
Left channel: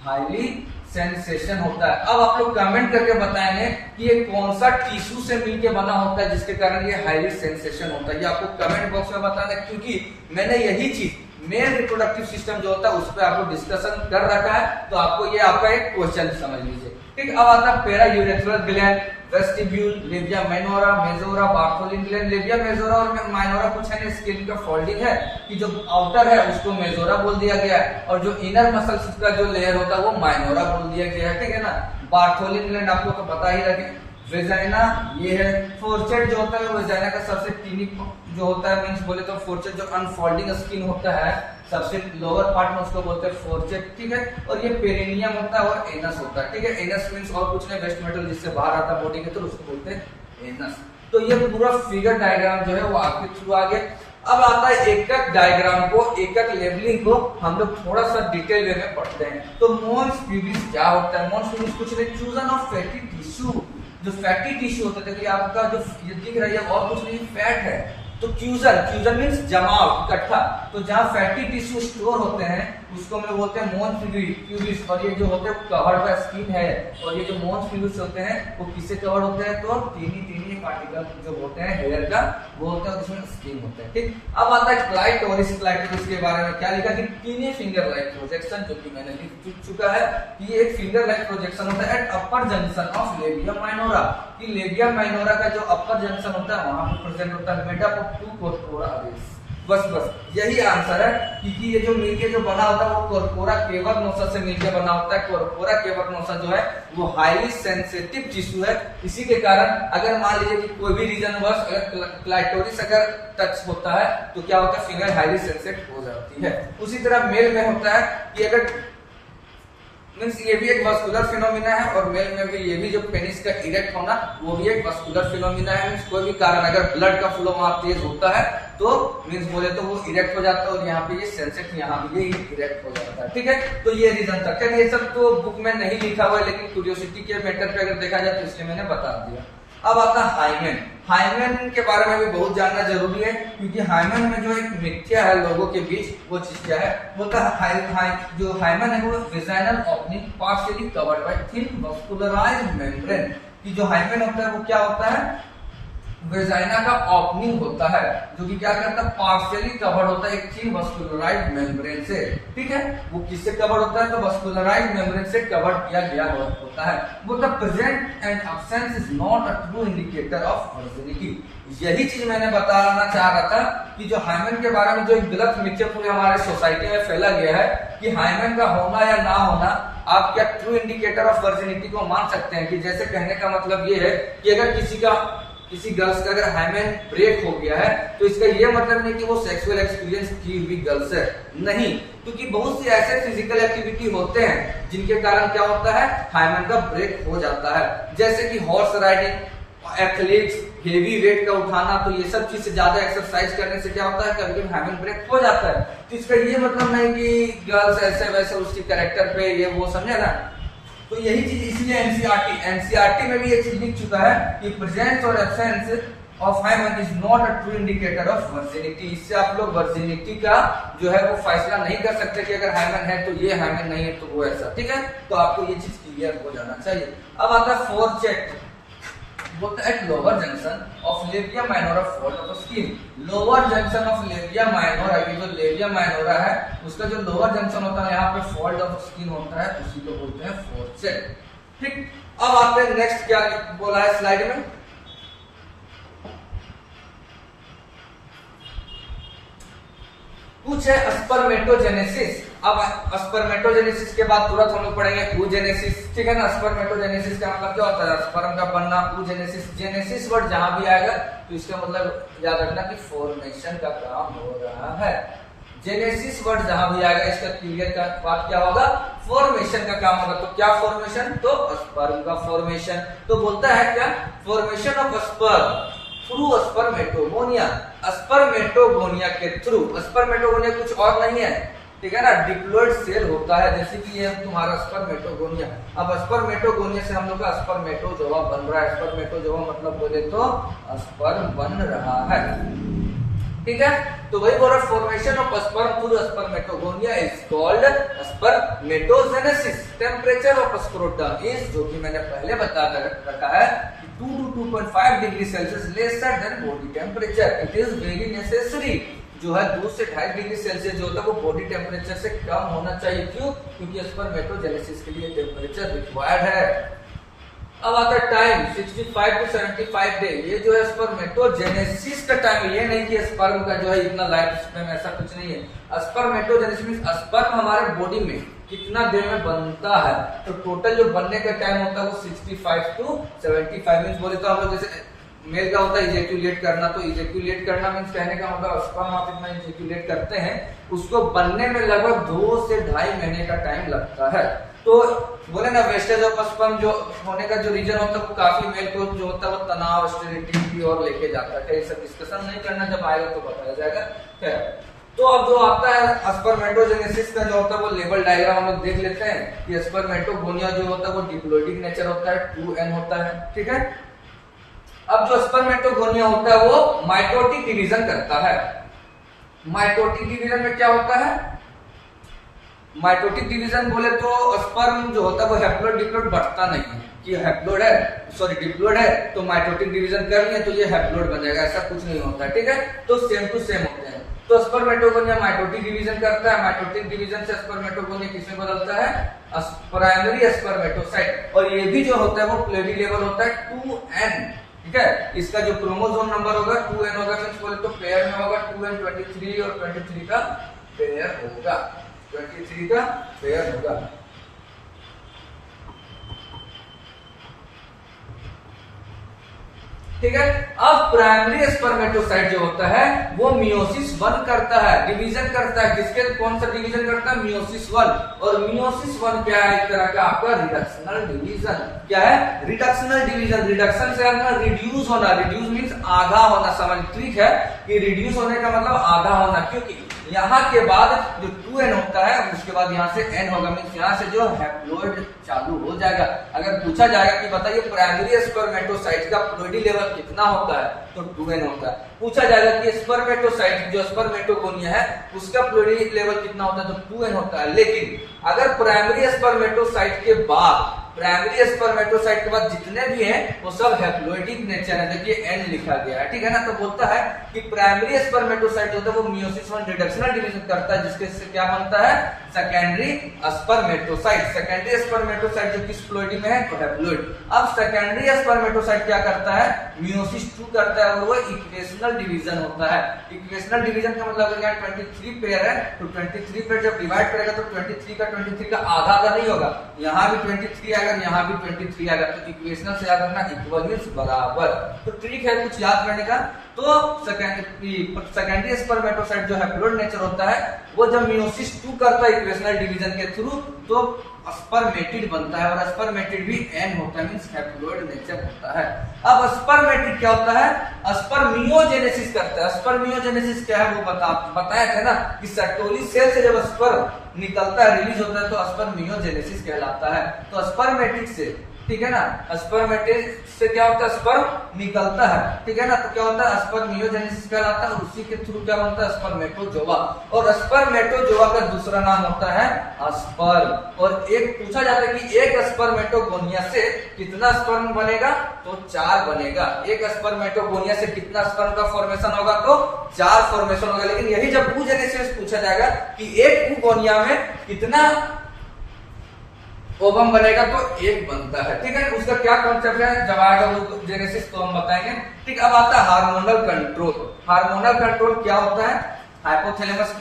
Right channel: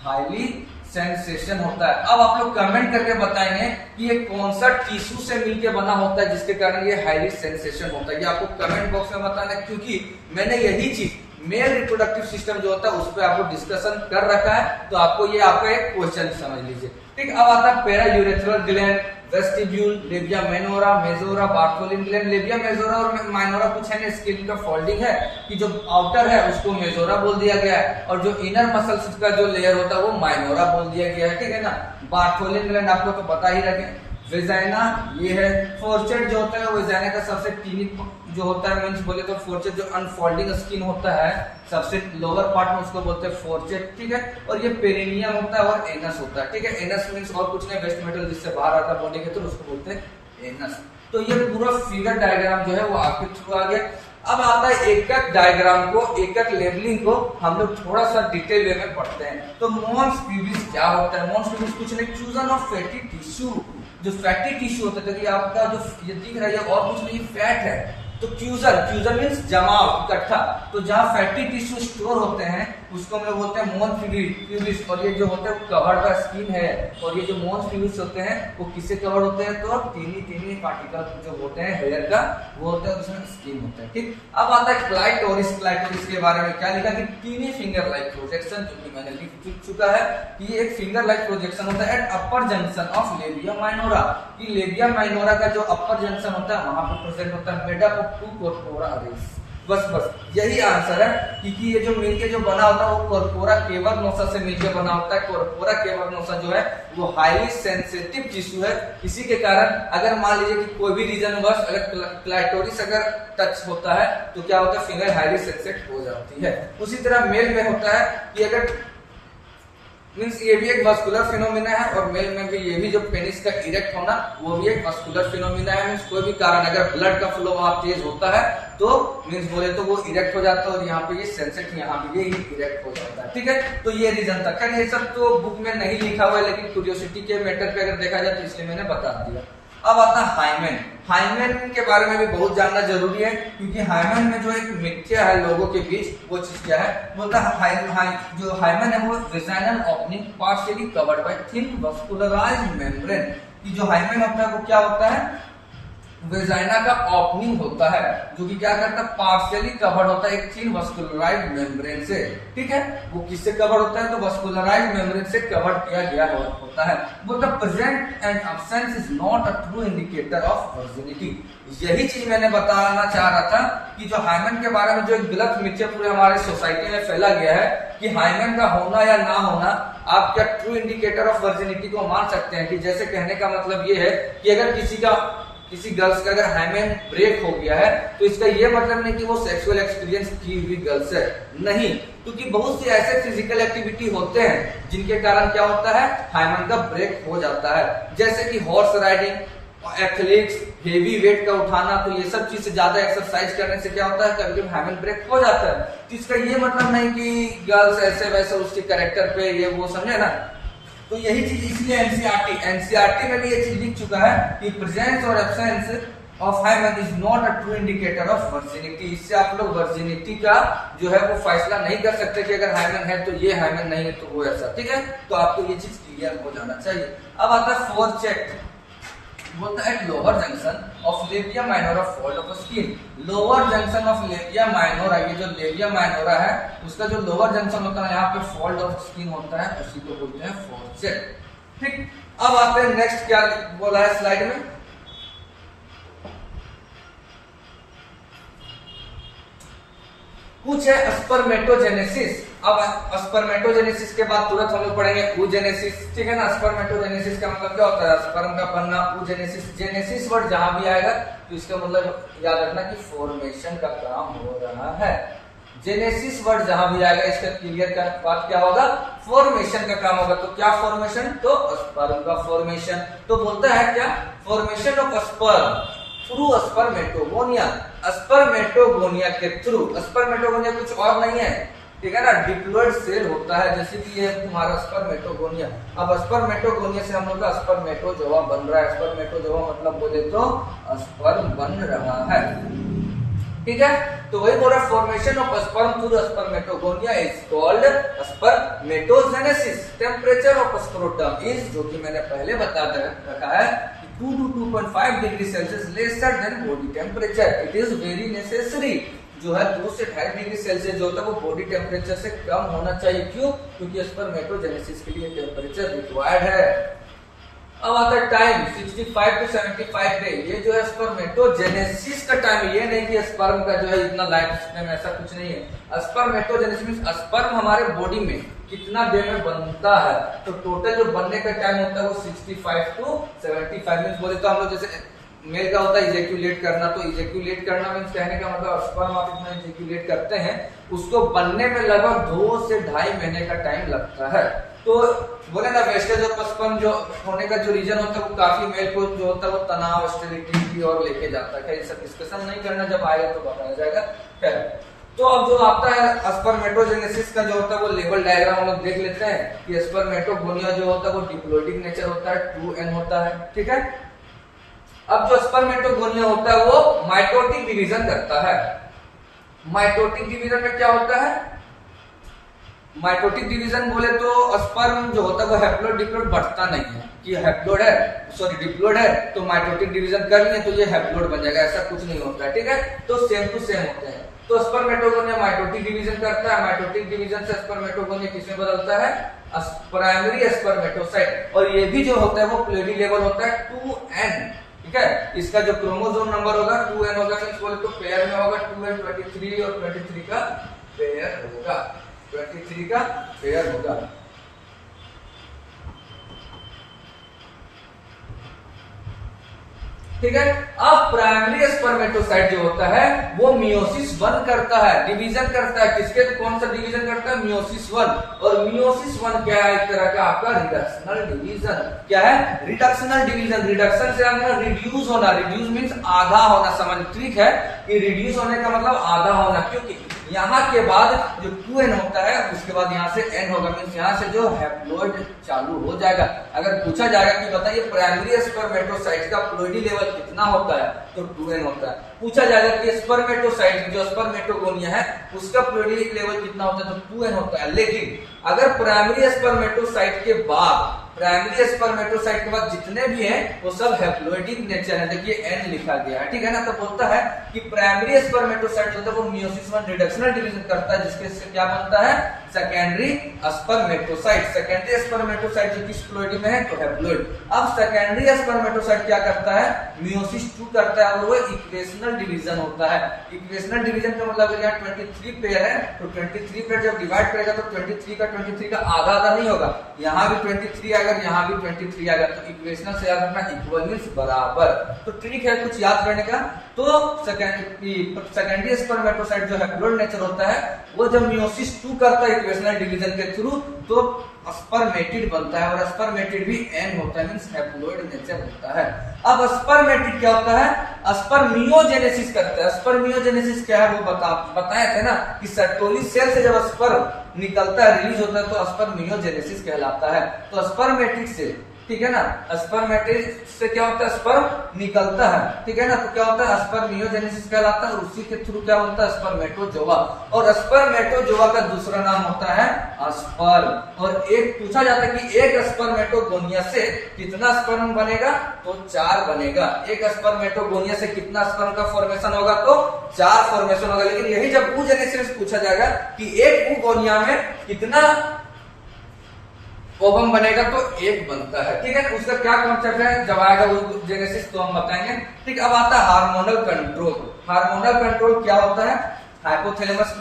हाईली सेंसेशन होता है। अब आप लोग कमेंट करके बताएंगे कि ये कौन सा टिश्यू से मिलके बना होता है जिसके कारण ये हाईली सेंसेशन होता है। ये आपको कमेंट बॉक्स में बताना है, क्योंकि मैंने यही चीज मेल रिप्रोडक्टिव सिस्टम जो होता है उस पर आपको डिस्कशन कर रखा है, तो आपको ये आपका एक क्वेश्चन समझ लीजिए। ठीक, अब आता है पेरा urethral gland, vestibule, labia minora, majora, Bartholin gland. Labia majora और माइनोरा कुछ है ना, स्किन का फोल्डिंग है कि जो आउटर है उसको मेजोरा बोल दिया गया है और जो इनर मसल्स का जो लेयर होता है वो माइनोरा बोल दिया गया है। ठीक है ना। बार्थोलिन ग्लैंड आपको तो पता ही रखे। वेजाइना ये है। फोर्चेट जो होता है वो वेजाइना का सबसे टीनी जो होता है, मींस बोले तो फोर्चेट जो अनफोल्डिंग स्किन होता है सबसे लोअर पार्ट में उसको बोलते हैं फोर्चेट। ठीक है। और ये पेरिनियम होता है और एनस होता है। ठीक है। एनस मींस और कुछ नहीं, वेस्ट मेटल जिससे बाहर आता है बॉडी के थ्रू उसको बोलते हैं एनस। तो ये पूरा फिगर डायग्राम जो है वो आपके थ्रू आ गया। अब आता है एकक डायग्राम को, एकक लेबलिंग को हम लोग थोड़ा सा डिटेल वे में पढ़ते हैं। तो मॉन्स प्यूबिस क्या होता है? मॉन्स प्यूबिस कुछ नहीं, फ्यूजन ऑफ फैटी टिश्यू। जो फैटी टिश्यू होता है, देखिए आपका जो ये दिख रहा है और कुछ नहीं फैट है, तो फ्यूजन मींस जमाव, इकट्ठा। तो जहाँ फैटी टिश्यू स्टोर होते हैं उसको हम लोग बोलते हैं मॉन्स प्यूबिस। और ये जो होते हैं कवर्ड बाय स्किन है। और ये जो मॉन्स प्यूबिस होते हैं वो किससे कवर्ड होते हैं? तो टीनी पार्टिकल जो होते हैं हेयर का वो होते हैं, उसमें स्किन होता है। ठीक। अब आता है क्लाइटोरिस। क्लाइटोरिस के बारे में क्या लिखा कि टीनी फिंगर लाइक प्रोजेक्शन, जो कि मैंने लिख चुका है कि ये एक फिंगर लाइक प्रोजेक्शन होता है at upper junction of labia minora. कि लेबिया माइनोरा का जो अपर जंक्शन होता है वहां पे प्रेजेंट होता है, made up of 2 corpora Ares. बस यही आंसर है, क्योंकि ये जो मिलके जो बना होता है वो कॉर्पोरा केवर्नोसा से मिलकर बना होता है। कॉर्पोरा केवर्नोसा जो है वो हाईली सेंसिटिव टिश्यू है। इसी के कारण अगर मान लीजिए कि कोई भी रीजन वर्स अगर क्लाइटोरिस अगर टच होता है तो क्या होता है? फिंगर हाईली सेंसिटिव हो जाती है। उसी तरह मेल में होता है कि अगर मींस ये भी एक वस्कुलर फिनोमिना है और मेल में भी ये भी जो पेनिस का इरेक्ट होना वो भी एक वस्कुलर फिनोमिना है। मींस कोई भी कारण अगर ब्लड का फ्लो वहां तेज होता है तो मींस बोले तो वो इरेक्ट हो जाता है और यहाँ पे ये सेंसिटिव, यहाँ पे ये इरेक्ट हो जाता है। ठीक है। तो ये रीजन था। क्या ये सब तो बुक में नहीं लिखा हुआ है, लेकिन क्यूरियोसिटी के मैटर पे अगर देखा जाए तो इसलिए मैंने बता दिया। अब आता है हाइमेन। हाइमेन के बारे में भी बहुत जानना जरूरी है, क्योंकि हाइमेन में जो एक मिथ्या है लोगों के बीच, वो चीज क्या है? बोलता है जो हाइमेन है वो vaginal opening partially covered by thin vascularised membrane. कि जो हाइमेन होता है वो क्या होता है? वेजाइना का ओपनिंग होता है जो कि क्या करता है? पार्शियली कवर्ड होता है एक थिन वस्कुलराइज्ड मेम्ब्रेन से। ठीक है। वो किससे कवर्ड होता है? तो वस्कुलराइज्ड मेम्ब्रेन से कवर्ड किया गया होता है। वो the present and absence is not a true indicator of virginity. यही चीज मैंने बताना चाह रहा था कि जो हाइमेन के बारे में जो एक गलत मिथ्या पूरे हमारे सोसाइटी में फैला गया है कि हाइमेन का होना या ना होना आप क्या ट्रू इंडिकेटर ऑफ वर्जिनिटी को मान सकते हैं। कि जैसे कहने का मतलब ये है कि अगर किसी गर्ल्स का अगर हाइमेन ब्रेक हो गया है तो इसका ये मतलब नहीं कि वो सेक्सुअल एक्सपीरियंस की हुई गर्ल्स है, नहीं। क्योंकि बहुत सी ऐसे फिजिकल एक्टिविटी होते हैं जिनके कारण क्या होता है? हाइमेन का ब्रेक हो जाता है। जैसे कि horse riding, athletics, heavy weight का उठाना, तो ये सब चीज से ज्यादा एक्सरसाइज करने से क्या होता है? कभी कभी हाइमेन ब्रेक हो जाता है। तो इसका ये मतलब नहीं कि गर्ल्स ऐसे वैसे उसके कैरेक्टर पे ये वो, समझे ना। तो यही चीज इसलिए एनसीईआरटी में भी ये चीज लिख चुका है कि प्रेजेंस और absence of hymen is not a true indicator of virginity. इससे आप लोग वर्जिनिटी का जो है वो फैसला नहीं कर सकते कि अगर हाइमेन है तो ये, हाइमेन नहीं है तो वो, ऐसा। ठीक है। तो आपको ये चीज क्लियर हो जाना चाहिए। अब आता है फोरचेट। बोलता है at lower junction of labia minora fold of skin. Lower junction of labia minora, ये जो लेबिया माइनोरा है उसका जो लोअर जंक्शन होता है यहाँ पे फोल्ड ऑफ स्किन होता है, उसी को बोलते हैं फोरचेट। ठीक। अब आते हैं नेक्स्ट, क्या बोला है स्लाइड में? कुछ है स्पर्मेटोजेनेसिस। अब स्पर्मेटोजेनेसिस के बाद तुरंत हम लोग पढ़ेंगे oogenesis। ठीक है ना। स्पर्मेटोजेनेसिस का मतलब क्या होता है? स्पर्म का बनना। oogenesis, जेनेसिस वर्ड जहां भी आएगा तो इसका मतलब याद रखना कि फॉर्मेशन का काम हो रहा है। जेनेसिस वर्ड जहां भी आएगा इसका क्लियर का बात क्या होगा? फॉर्मेशन का काम होगा। तो क्या फॉर्मेशन? तो स्पर्म का फॉर्मेशन। तो बोलता है क्या? Formation of sperm through spermatogonia. Spermatogonia के थ्रू। स्पर्मेटोगोनिया कुछ और नहीं है, ठीक है ना। डिप्लॉइड सेल होता है, जैसे कि ये तुम्हारा स्पर्मेटोगोनिया। अब स्पर्मेटोगोनिया से हम लोग का स्पर्मेटोजोआ बन रहा है। स्पर्मेटोजोआ मतलब बोले तो स्पर्म बन रहा है। ठीक है। तो वही बोल रहा है formation of sperm through spermatogonia is called spermatogenesis. Temperature of scrotum is, जो कि मैंने पहले बता रखा है, 2 to 2.5 degree Celsius lesser than body temperature. It is very necessary जो है 2 से 2.5 डिग्री सेल्सियस जो होता है वो बॉडी टेम्परेचर से कम होना चाहिए। क्यों? क्योंकि स्पर्मेटोजेनेसिस के लिए टेम्परेचर रिक्वायर्ड है। अब आता है टाइम 65 to 75 डे। ये जो है स्पर्मेटोजेनेसिस का टाइम है, ये नहीं कि स्पर्म का जो है इतना लाइफ स्पैन, ऐसा कुछ नहीं है। स्पर्मेटोजेनेसिस मींस स्पर्म हमारे बॉडी में कितना देर में बनता है, तो टोटल जो बनने का टाइम होता है वो 65 to 75 मींस बोले तो हम लोग जैसे मेल का होता है इजेक्यूलेट करना, तो इजेक्यूलेट करना मींस कहने का मतलब स्पर्म आप इतना इजेक्यूलेट करते हैं, उसको बनने में लगभग 2 से 2.5 महीने का टाइम लगता है। तो बोले ना वेस्टेज ऑफ स्पर्म जो होने का जो रीजन होता है वो काफी मेल को जो होता है वो तनाव, स्टेरिलिटी की ओर लेके जाता है। ये सब डिस्कशन नहीं करना, जब आएगा तो बताया जाएगा। तो अब जो आता है स्पर्मेटोजेनेसिस का जो होता है वो लेवल डायग्राम हम लोग देख लेते हैं कि स्पर्मेटोगोनिया जो होता है वो डिप्लोइडिक नेचर होता है, 2n होता है, ठीक है। अब जो स्पर्मेटोगोनिया होता है वो माइटोटिक डिवीजन करता है। माइटोटिक डिवीजन में क्या होता है? माइटोटिक डिवीजन बोले तो स्पर्म जो होता है वो हैप्लोइड डिप्लोइड बढ़ता नहीं है कि हैप्लोइड है सॉरी डिप्लोइड है तो माइटोटिक डिवीजन कर लिए तो ये हैप्लोइड बन जाएगा, ऐसा कुछ नहीं होता है, ठीक है। तो सेम टू सेम होते हैं। तो स्पर्मेटोगोनिया माइटोटिक डिवीजन करता है। माइटोटिक डिवीजन से स्पर्मेटोगोनिया किसमें बदलता है? Primary spermatocyte. और ये भी जो होता है वो प्लेडी लेवल होता है 2n, ठीक है। इसका जो क्रोमोसोम नंबर होगा 2n होगा, मींस बोले तो पेयर में होगा 2n 23 और 23 का पेयर होगा, 23 का पेयर होगा। ठीक है। अब प्राइमरी स्पर्मेटोसाइट जो होता है वो मियोसिस 1 करता है, डिवीजन करता है। किसके कौन सा डिवीजन करता है? मियोसिस 1। और मियोसिस 1 क्या है? एक तरह का आपका रिडक्शनल डिवीजन। क्या है? Reductional division. रिडक्शन से हम रिड्यूस होना, रिड्यूस मींस आधा होना, समझ ठीक है कि रिड्यूस होने का मतलब आधा होना, क्योंकि यहाँ के बाद जो 2n होता है उसके बाद यहाँ से n होगा, मींस यहाँ से जो हैप्लोइड चालू हो जाएगा। अगर पूछा जाएगा कि बताइए प्राइमरी स्पर्मेटोसाइट का प्लोइडी लेवल कितना होता है, तो 2n होता है। पूछा जाएगा कि स्पर्मेटोसाइट जो स्पर्मेटोगोनिया है उसका प्लोइडी लेवल कितना होता है, तो 2n होता है। लेकिन अगर प्राइमरी स्पर्मेटोसाइट के बाद प्राइमरी स्पर्मेटोसाइट के बाद जितने भी हैं वो सब हैप्लोइडिक नेचर है, देखिए n लिखा गया है, ठीक है ना। तो बोलता है कि प्राइमरी स्पर्मेटोसाइट होता है वो मियोसिस 1 रिडक्शनल डिवीजन करता है, जिसके से क्या बनता है? Secondary spermatocyte. सेकेंडरी स्पर्मेटोसाइट जो किस प्लोइडी में है? तो हैप्लोइड। अब सेकेंडरी स्पर्मेटोसाइट क्या करता है? मियोसिस 2 करता है और वो इक्वेशनल डिवीजन होता है। इक्वेशनल डिवीजन का मतलब यहाँ 23 पेयर है, तो 23 पेयर जब डिवाइड करेगा तो 23 का आधा आधा नहीं होगा, यहाँ भी 23 आएगा, यहाँ भी 23 आएगा। तो इक्वेशनल से याद रखना इक्वल मींस बराबर। तो ट्रिक है कुछ याद करने का। तो सेकेंडरी स्पर्मेटोसाइट जो हैप्लोइड नेचर होता है वो जब मियोसिस 2 करता है इक्वेशनल डिवीजन के थ्रू तो स्पर्मेटिड बनता है, और स्पर्मेटिड भी n होता है, मींस हैप्लोइड नेचर होता है। अब स्पर्मेटिड क्या होता है? स्पर्मियोजेनेसिस करता है। स्पर्मियोजेनेसिस क्या है वो बताए थे ना कि सर्टोरी सेल से जब स्पर्म निकलता है, रिलीज होता है, तो स्पर्मियोजेनेसिस कहलाता है। तो स्पर्मेटिड से, ठीक है ना, स्पर्मेटिड से क्या होता है? स्पर्म निकलता है, ठीक है ना। तो क्या होता है? स्पर्मियोजेनेसिस कहलाता है, और उसी के थ्रू क्या होता है? स्पर्मेटोजोआ। और स्पर्मेटोजोआ का दूसरा नाम होता है स्पर्म। और एक पूछा जाता है कि एक स्पर्मेटोगोनिया से कितना स्पर्म बनेगा, तो 4 बनेगा। एक स्पर्मेटोगोनिया से कितना स्पर्म का फॉर्मेशन होगा, तो 4 फॉर्मेशन होगा। लेकिन यही जब oogenesis पूछा जाएगा कि एक oogonia में कितना ओवम बनेगा, तो 1 बनता है, ठीक है। उसका क्या कॉन्सेप्ट है, जब आएगा oogenesis तो हम बताएंगे, ठीक। अब आता है हार्मोनल कंट्रोल। हार्मोनल कंट्रोल क्या होता है? हाइपोथैलेमस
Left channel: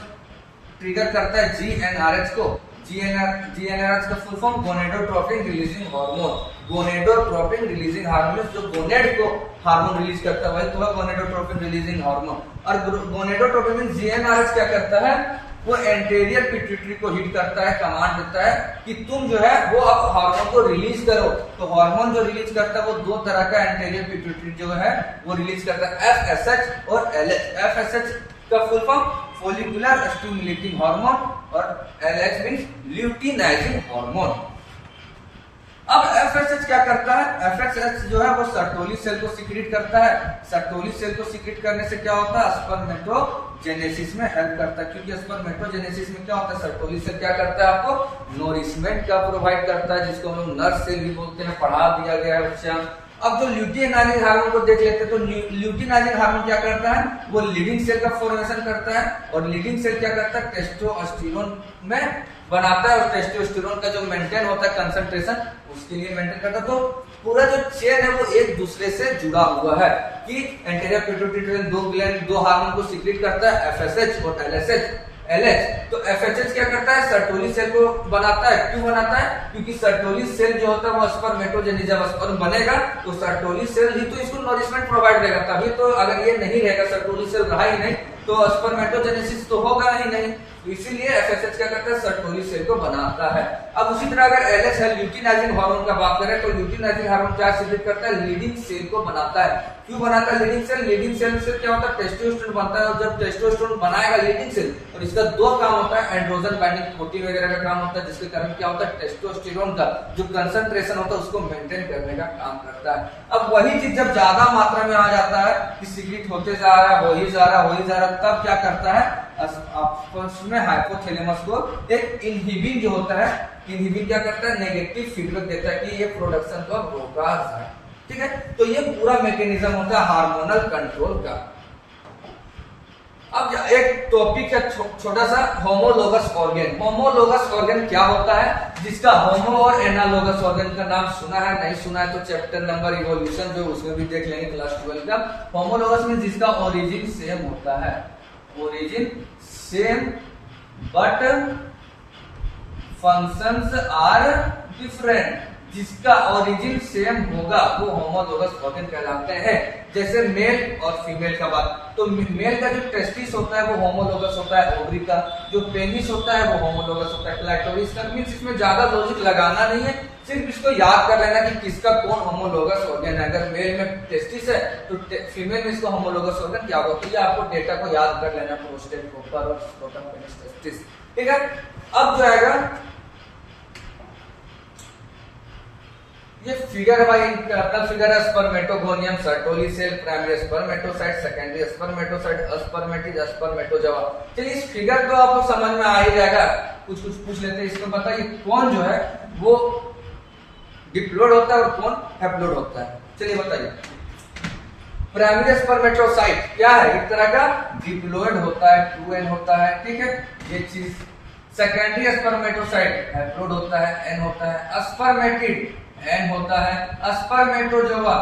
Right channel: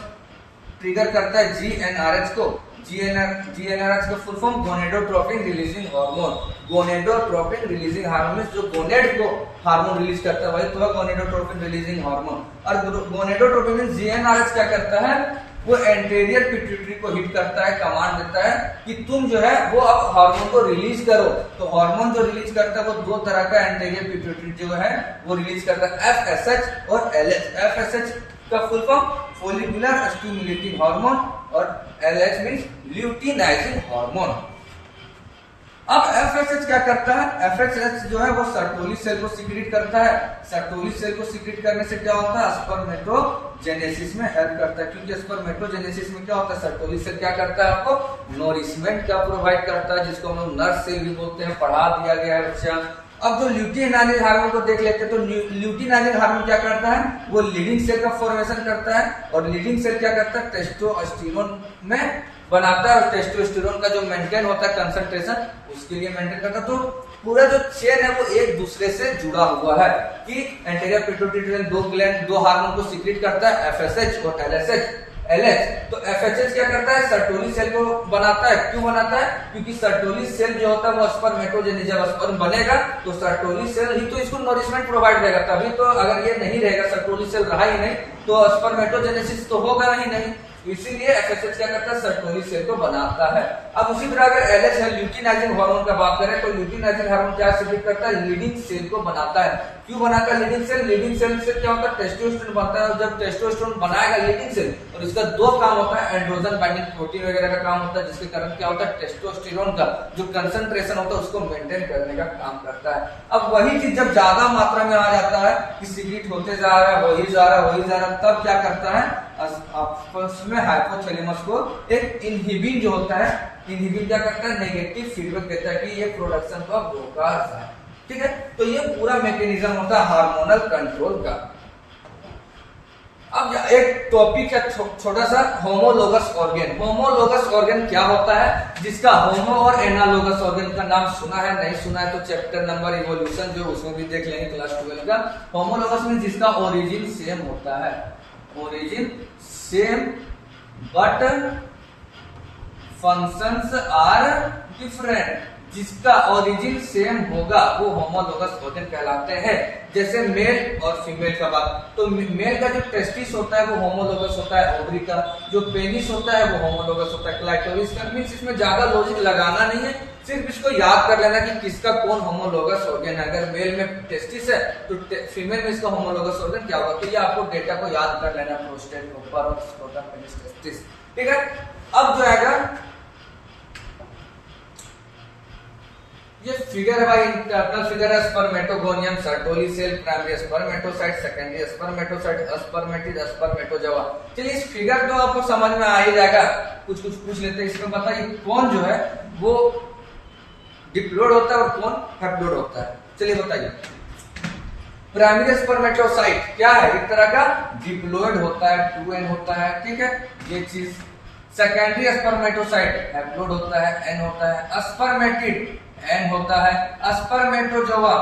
ट्रिगर करता है GnRH को। GnRH का full form gonadotropin releasing hormone. Gonadotropin releasing hormone जो गोनेड को हार्मोन रिलीज करता है वही तो है गोनेडोट्रोपिन रिलीजिंग हार्मोन। और गोनेडोट्रोपिन GnRH क्या करता है? वो एंटीरियर पिट्यूटरी को हिट करता है, कमांड देता है कि तुम जो है वो अब हार्मोन को रिलीज करो। तो हार्मोन जो रिलीज करता है वो 2 तरह का एंटीरियर पिट्यूटरी जो है वो रिलीज करता है, FSH और LH। FSH का full form follicular stimulating hormone और LH मींस ल्यूटिनाइजिंग हार्मोन। अब FSH क्या करता है? FSH जो है वो सर्टोली सेल को सीक्रेट करता है। सर्टोली सेल को सीक्रेट करने से क्या होता है? स्पर्मेटोजेनेसिस में हेल्प करता है, क्योंकि स्पर्मेटोजेनेसिस में क्या होता है? सर्टोली सेल क्या करता है? आपको नोरिशमेंट का प्रोवाइड करता है, जिसको हम लोग नर्स से भी बोलते हैं, पढ़ा दिया गया है बच्चा। अब जो ल्यूटिनाइजिंग हार्मोन को देख लेते हैं, तो ल्यूटिनाइजिंग हार्मोन क्या करता है, वो लीडिंग सेल का फॉर्मेशन करता है, और लीडिंग सेल क्या करता है, टेस्टोस्टेरोन में बनाता है, और टेस्टोस्टेरोन का जो मेंटेन होता है कंसंट्रेशन, उसके लिए मेंटेन करता है। तो पूरा जो चेन है वो एक दूसरे से जुड़ा हुआ है कि एंटीरियर पिट्यूटरी दो ग्लैंड दो हार्मोन को सीक्रेट करता है, एफएसएच और एलएच। तो एफएचएच क्या करता है, सर्टोली सेल को बनाता है। क्यों बनाता है, क्योंकि सर्टोली सेल जो होता है वो स्पर्मेटोजेनिक, जब स्पर्म बनेगा तो सर्टोली सेल ही तो इसको नरिशमेंट प्रोवाइड करेगा, तभी तो। अगर ये नहीं रहेगा, सर्टोली सेल रहा ही नहीं, तो स्पर्मेटोजेनेसिस तो होगा ही नहीं। इसीलिए एफएसएच क्या करता है, सर्टोली सेल को बनाता है। अब उसी तरह अगर एलएच है, ल्यूटिनाइजिंग हार्मोन का बात करें, तो ल्यूटिनाइजिंग हार्मोन क्या सीक्रेट करता है, लीडिंग सेल को बनाता है। क्यों बनाता है लीडिंग सेल, लीडिंग सेल से क्या होता है, टेस्टोस्टेरोन बनता है, और जब टेस्टोस्टेरोन बनाएगा लीडिंग सेल, और इसका दो काम होता है, एंड्रोजन बाइंडिंग प्रोटीन वगैरह का काम होता है, जिसके कारण क्या होता है, टेस्टोस्टेरोन का जो कंसंट्रेशन होता है उसको मेंटेन करने का काम करता है। अब वही चीज जब ज्यादा मात्रा में आ जाता है कि सीक्रेट होते जा रहा है, हो ही जा रहा, तब क्या करता है, आपस में हाइपोथैलेमस को एक इनहिबिन जो होता है, इनहिबिन क्या करता है, नेगेटिव फीडबैक देता है कि ये प्रोडक्शन को रोका जाए। ठीक है, तो ये पूरा मैकेनिज्म होता है हार्मोनल कंट्रोल का। अब एक टॉपिक है छोटा सा, होमोलोगस ऑर्गन। होमोलोगस ऑर्गन क्या होता है, जिसका होमो और एनालोगस ऑर्गन का नाम सुना है, नहीं सुना है तो चैप्टर नंबर इवोल्यूशन जो उसमें भी देख लेंगे क्लास 12 का। होमोलोगस में जिसका ओरिजिन सेम होता है, origin same but functions are different, जिसका ओरिजिन सेम होगा वो होमोलोगस ऑर्गन कहलाते हैं। जैसे मेल और फीमेल का बात, तो मेल का जो टेस्टिस होता है वो होमोलोगस होता है ओवरी का, जो पेनिस होता है वो होमोलोगस होता है क्लाइटोरिस का। मींस इसमें ज्यादा लॉजिक लगाना नहीं है, सिर्फ इसको याद कर लेना कि किसका कौन होमोलोगस ऑर्गन है। अगर मेल में टेस्टिस है तो फीमेल में इसका होमोलोगस ऑर्गन क्या होगा, तो ये आपको डेटा को याद कर लेना, प्रोस्टेट, प्रोपर और स्क्रोटम, पेनिस, टेस्टिस। ठीक है, अब जो आएगा ये फिगर है भाई, इंटरनल फिगर है, spermatogonium, Sertoli cell, primary spermatocyte, secondary spermatocyte, spermatid, spermatozoa. चलिए इस फिगर को आपको समझ में आ ही जाएगा, कुछ पूछ लेते हैं। इसमें बताइए कौन जो है वो डिप्लॉयड होता है और कौन हैप्लॉयड होता है, चलिए बताइए। प्राइमरी स्पर्मेटोसाइट क्या है, एक तरह का डिप्लॉयड होता है, 2n होता है, ठीक है ये चीज। सेकेंडरी स्पर्मेटोसाइट हैप्लॉयड होता है, n होता है। स्पर्मेटिड n होता है, स्पर्मेटोजोआ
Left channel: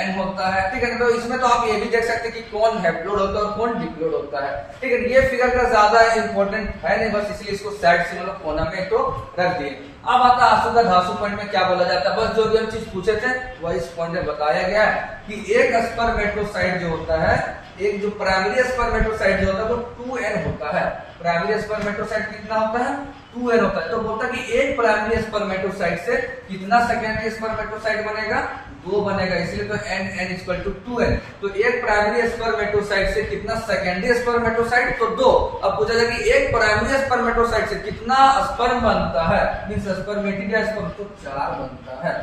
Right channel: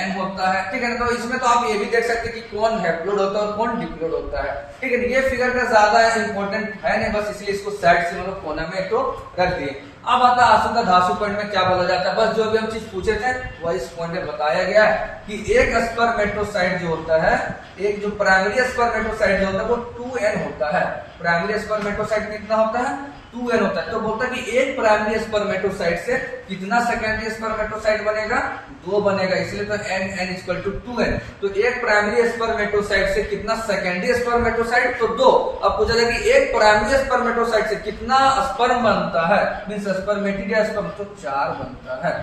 n होता है, ठीक है। तो इसमें तो आप ये भी देख सकते हैं कि कौन हैप्लॉयड होता है और कौन डिप्लॉयड होता है, ठीक है। ये फिगर का ज्यादा इंपॉर्टेंट है नहीं, बस इसलिए इसको साइड से मतलब कोना में तो रख दिए। अब आता है आंसू का धासु पॉइंट में क्या बोला जाता है, बस जो भी हम चीज पूछे थे वह इस पॉइंट में बताया गया है कि एक स्पर्मेटोसाइट जो होता है, एक जो प्राइमरी स्पर्मेटोसाइट जो होता है वो 2n होता है। प्राइमरी स्पर्मेटोसाइट कितना होता है, 2n होता है। तो बोलता है कि एक प्राइमरी स्पर्मेटोसाइट से कितना सेकेंडरी स्पर्मेटोसाइट बनेगा, 2 बनेगा, इसलिए तो n इक्वल टू 2n। तो एक प्राइमरी स्पर्मेटोसाइट से कितना सेकेंडरी स्पर्मेटोसाइट, तो 2। अब पूछा जाए कि एक प्राइमरी स्पर्मेटोसाइट से कितना स्पर्म बनता है, मींस स्पर्मेटिड स्पर्म, तो 4 बनता है।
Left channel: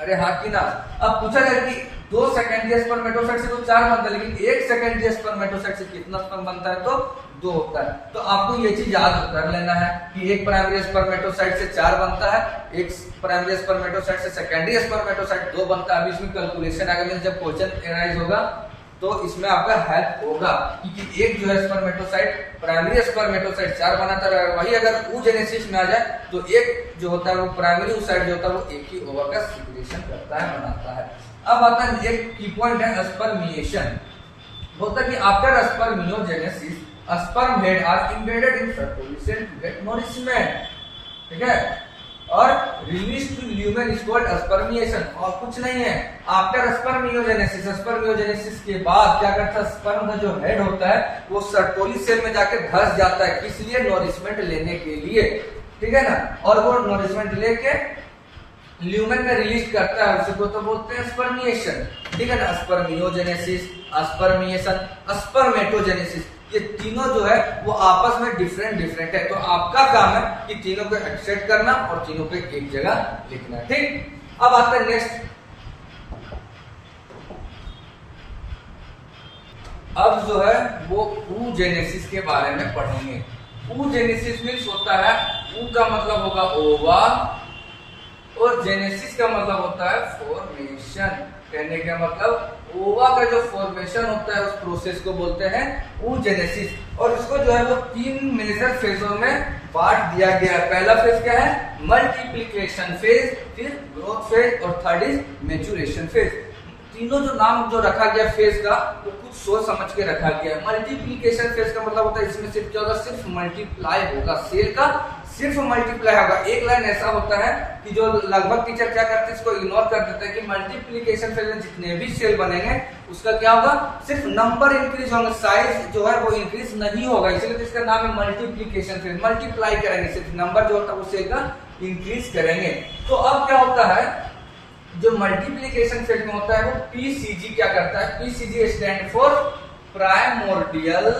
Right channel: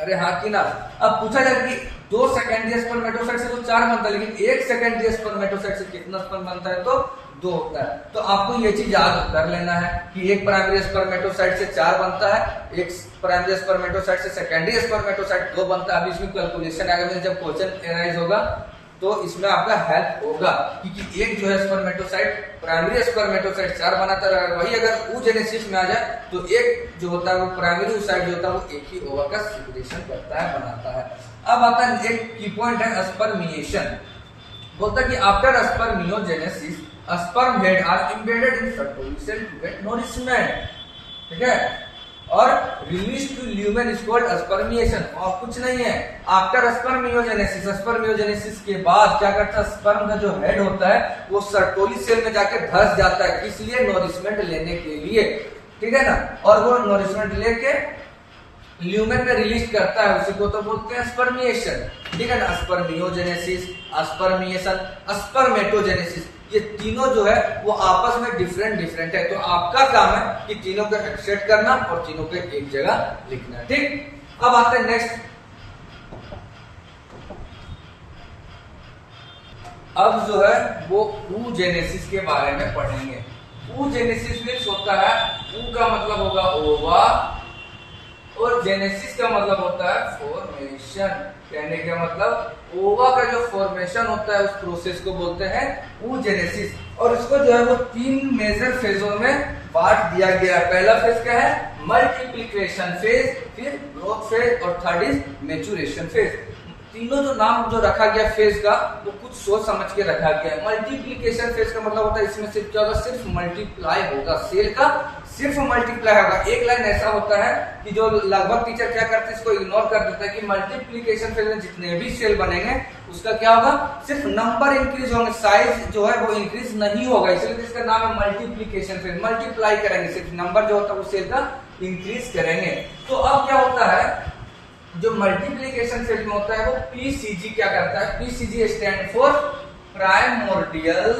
अरे हाँ कि ना। अब पूछा जाए कि 2 सेकेंडरी स्पर्मेटोसाइट से तो 4 बनता है, लेकिन एक सेकेंडरी स्पर्मेटोसाइट से कितना स्पर्म बनता है, तो 2 होता है। तो आपको ये चीज याद कर लेना है कि एक प्राइमरी स्पर्मेटोसाइट से 4 बनता है, एक प्राइमरी स्पर्मेटोसाइट से सेकेंडरी स्पर्मेटोसाइट 2 बनता है। अभी इसमें कैलकुलेशन आएगा, जब क्वेश्चन एनालाइज होगा तो इसमें आपका हेल्प होगा, क्योंकि एक जो है स्पर्मेटोसाइट प्राइमरी स्पर्मेटोसाइट 4 बनाता है, वही अगर oogenesis में आ जाए तो एक जो होता है वो प्राइमरी oocyte जो होता है वो एक ही ओवा का सिक्रेशन करता है, बनाता है। अब आता है एक की पॉइंट है स्पर्मिएशन। बोलता है कि after spermiogenesis sperm head are embedded in Sertoli cell to get nourishment, ठीक है, और release to lumen is called spermiation. और कुछ नहीं है, आफ्टर स्पर्मियोजेनेसिस, स्पर्मियोजेनेसिस के बाद क्या करता है, स्पर्म का जो हेड होता है वो सर्टोली सेल में जाके धस जाता है, किस लिए, नरिशमेंट लेने के लिए, ठीक है ना। और वो नरिशमेंट लेके ल्यूमेन में रिलीज करता है, उसी को तो बोलते हैं स्पर्मिएशन, ठीक है ना। स्पर्मियोजेनेसिस, स्पर्मिएशन, स्पर्मेटोजेनेसिस, ये तीनों जो है वो आपस में डिफरेंट है। तो आपका काम है कि तीनों को एक्सेप्ट करना और तीनों को एक जगह लिखना, ठीक। अब आता है नेक्स्ट, अब जो है वो oogenesis के बारे में पढ़ेंगे। oogenesis मीन्स होता है, ऊ का मतलब होगा ओवा, और जेनेसिस का मतलब होता है फॉर्मेशन। कहने का मतलब ओवा का जो फॉर्मेशन होता है उस प्रोसेस को बोलते हैं oogenesis। और इसको जो है वो 3 मेजर फेजों में बांट दिया गया है। पहला फेज क्या है? मल्टीप्लिकेशन फेज, फिर ग्रोथ फेज और थर्ड इज मैच्योरेशन फेज। तीनों जो नाम जो रखा गया फेज का वो कुछ सोच समझ के रखा गया है। मल्टीप्लिकेशन फेज का मतलब होता है इसमें सिर्फ क्या होगा? सिर्फ मल्टीप्लाई होगा, सेल का सिर्फ मल्टीप्लाई होगा। एक लाइन ऐसा होता है कि जो लगभग टीचर क्या करते हैं, इसको इग्नोर कर देते हैं कि मल्टीप्लिकेशन फेज में जितने भी सेल बनेंगे उसका क्या होगा? सिर्फ नंबर इंक्रीज होंगे, साइज जो है वो इंक्रीज नहीं होगा, इसलिए तो इसका नाम है मल्टीप्लिकेशन फेज। मल्टीप्लाई करेंगे, सिर्फ नंबर जो होता है वो सेल का इंक्रीज करेंगे। तो अब क्या होता है, जो मल्टीप्लिकेशन फेज में होता है वो पीसीजी क्या करता है? PCG stand for primordial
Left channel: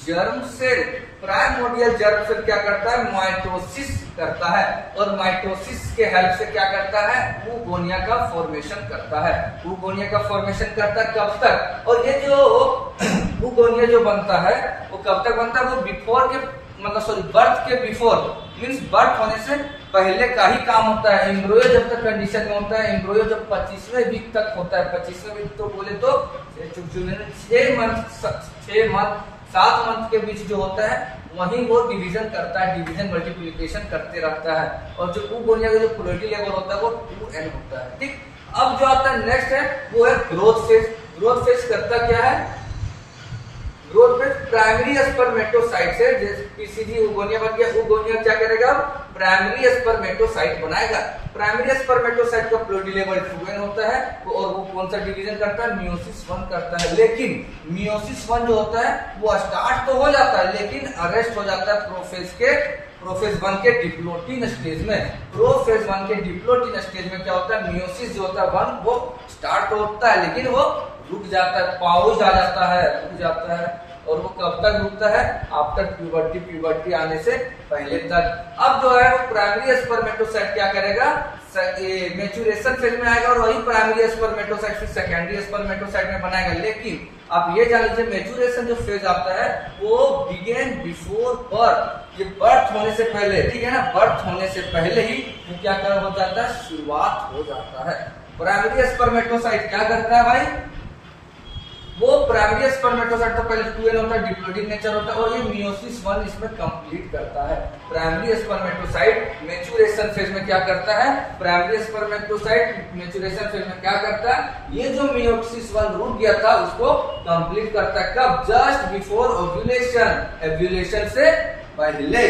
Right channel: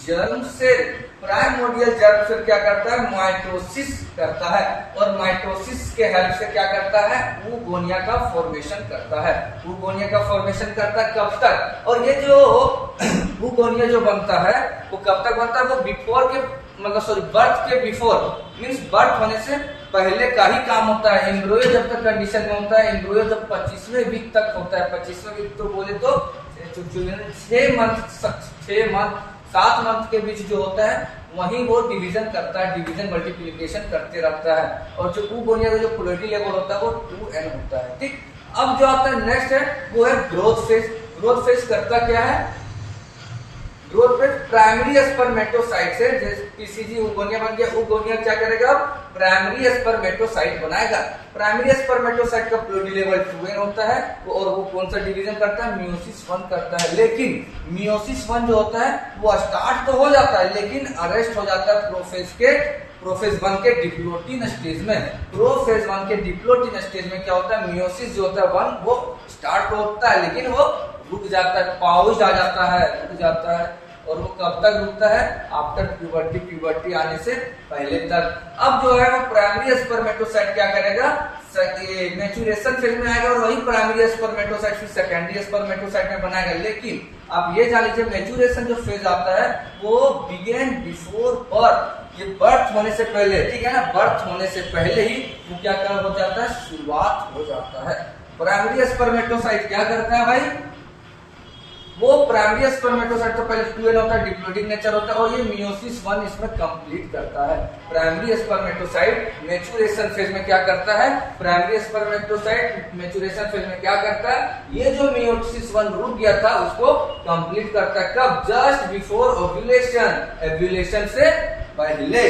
germ cell. Primordial germ cell क्या करता है? माइटोसिस करता है, और माइटोसिस के हेल्प से क्या करता है? oogonia का फॉर्मेशन करता है। oogonia का फॉर्मेशन करता है कब तक? और ये जो oogonia जो बनता है वो कब तक बनता है? वो बिफोर के मतलब सॉरी बर्थ के बिफोर मींस बर्थ होने से पहले का ही काम होता है। एम्ब्रियो जब तक कंडीशन में होता है, एम्ब्रियो जब 25वें वीक तक होता है, 25वें वीक तो बोले तो 7 मंथ के बीच जो होता है वहीं वो डिवीजन करता है, डिवीजन मल्टीप्लिकेशन करते रहता है। और जो oogonia का जो प्रोबेबिलिटी लेवल होता है वो 2n होता है। ठीक, अब जो आता है नेक्स्ट है वो है ग्रोथ फेज। ग्रोथ फेज करता क्या है? ग्रोथ फेज प्राइमरी स्पर्मेटोसाइट से, जैसे पीसीजी oogonia बन गया, oogonia क्या करेगा? प्राइमरी स्पर्मेटोसाइट बनाएगा। प्राइमरी स्पर्मेटोसाइट का प्रोबेबिलिटी लेवल 2n होता है, और वो कौन सा डिवीजन करता है? मियोसिस 1 करता है। लेकिन मियोसिस 1 जो होता है वो स्टार्ट तो हो जाता है लेकिन अरेस्ट हो जाता है प्रोफेज 1 के डिप्लोटिन स्टेज में। प्रोफेज 1 के डिप्लोटिन स्टेज में क्या होता है? मियोसिस जो होता है 1 वो स्टार्ट होता है लेकिन वो रुक जाता है, पाउज आ जाता है, रुक जाता है। और वो कब तक रुकता है? आफ्टर प्यूबर्टी, प्यूबर्टी आने से पहले तक। अब जो है वो प्राइमरी स्पर्मेटोसाइट क्या करेगा? मैच्योरेशन फेज में आएगा, और वही प्राइमरी स्पर्मेटोसाइट फिर सेकेंडरी स्पर्मेटोसाइट में बनाएगा। लेकिन आप ये जान लीजिए मैच्योरेशन जो फेज आता है वो बिगेन बिफोर बर्थ। ये बर्थ होने से पहले, ठीक है ना, बर्थ होने से पहले ही वो क्या हो जाता है? शुरुआत हो जाता है। प्राइमरी स्पर्मेटोसाइट क्या करता है भाई? वो प्राइमरी स्पर्मेटोसाइट तो पहले 2n होता है, डिप्लोइडिक नेचर होता है, और ये मियोसिस 1 इसमें कंप्लीट करता है। प्राइमरी स्पर्मेटोसाइट मैच्योरेशन फेज में क्या करता है? प्राइमरी स्पर्मेटोसाइट मैच्योरेशन फेज में क्या करता है? ये जो मियोसिस 1 रुक गया था उसको कंप्लीट करता है। कब? जस्ट बिफोर ओव्यूलेशन, ओव्यूलेशन से पहले।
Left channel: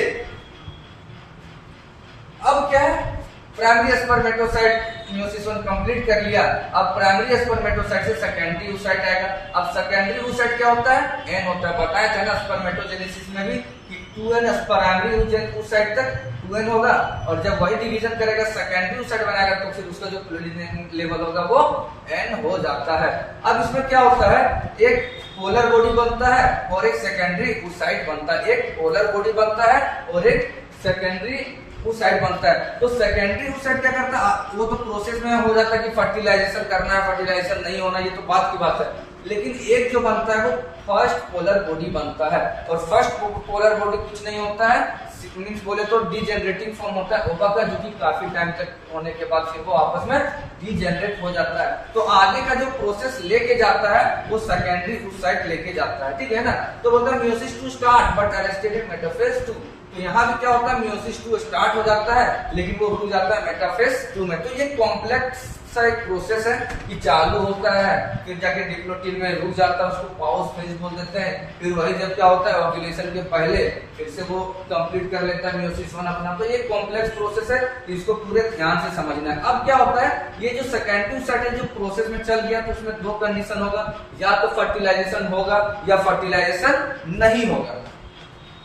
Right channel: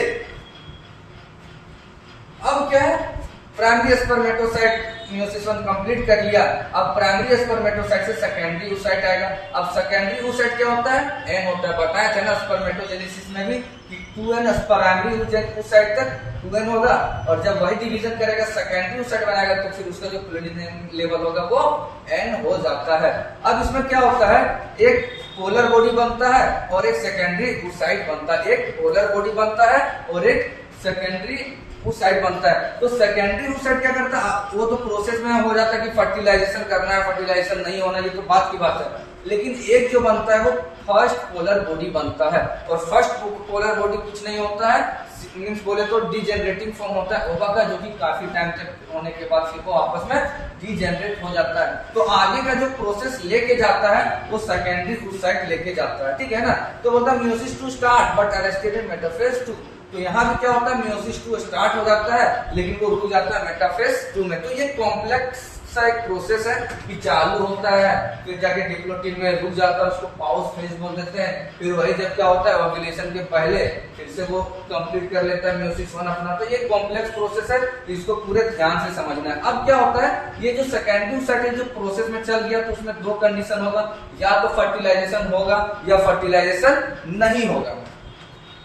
अब क्या है? प्राइमरी स्पर्मेटोसाइट मियोसिस 1 कंप्लीट कर लिया। अब प्राइमरी स्पर्मेटोसाइट से सेकेंडरी oocyte आएगा। अब सेकेंडरी oocyte क्या होता है? n होता है। बताया था ना स्पर्मेटोजेनेसिस में भी कि 2n प्राइमरी oocyte तक 2n होगा, और जब वही डिवीजन करेगा सेकेंडरी oocyte बनाएगा तो फिर उसका जो प्रोटीन लेवल होगा वो n हो जाता है। अब इसमें क्या होता है? एक पोलर बॉडी बनता है और एक सेकेंडरी oocyte बनता है। एक पोलर बॉडी बनता है और एक सेकेंडरी oocyte बनता है। तो सेकेंडरी oocyte क्या करता है? वो तो प्रोसेस में हो जाता है कि फर्टिलाइजेशन करना है, फर्टिलाइजेशन नहीं होना, ये तो बात की बात है। लेकिन एक जो बनता है वो फर्स्ट पोलर बॉडी बनता है, और फर्स्ट पोलर बॉडी कुछ नहीं होता है, मींस बोले तो डीजेनरेटिंग फॉर्म होता है ओवा का, जो कि काफी टाइम तक होने के बाद फिर वो आपस में डीजेनरेट हो जाता है। तो आगे का जो प्रोसेस लेके जाता है वो सेकेंडरी oocyte लेके जाता है, ठीक है ना। तो बोलता है meiosis 2 start but arrested in metaphase 2। तो यहाँ भी क्या होता है? मियोसिस 2 स्टार्ट हो जाता है लेकिन वो रुक जाता है मेटाफेज 2 में। तो ये कॉम्प्लेक्स सा एक प्रोसेस है कि चालू होता है फिर जाके डिप्लोटिन में रुक जाता है, उसको पाउज फेज बोल देते हैं। फिर वही जब क्या होता है? ओव्यूलेशन के पहले फिर से वो कंप्लीट कर लेता है मियोसिस 1 अपना। तो ये कॉम्प्लेक्स प्रोसेस है, इसको पूरे ध्यान से समझना है। अब क्या होता है? ये जो सेकेंडरी oocyte जो प्रोसेस में चल गया तो उसमें 2 कंडीशन होगा, या तो फर्टिलाइजेशन होगा या फर्टिलाइजेशन नहीं होगा।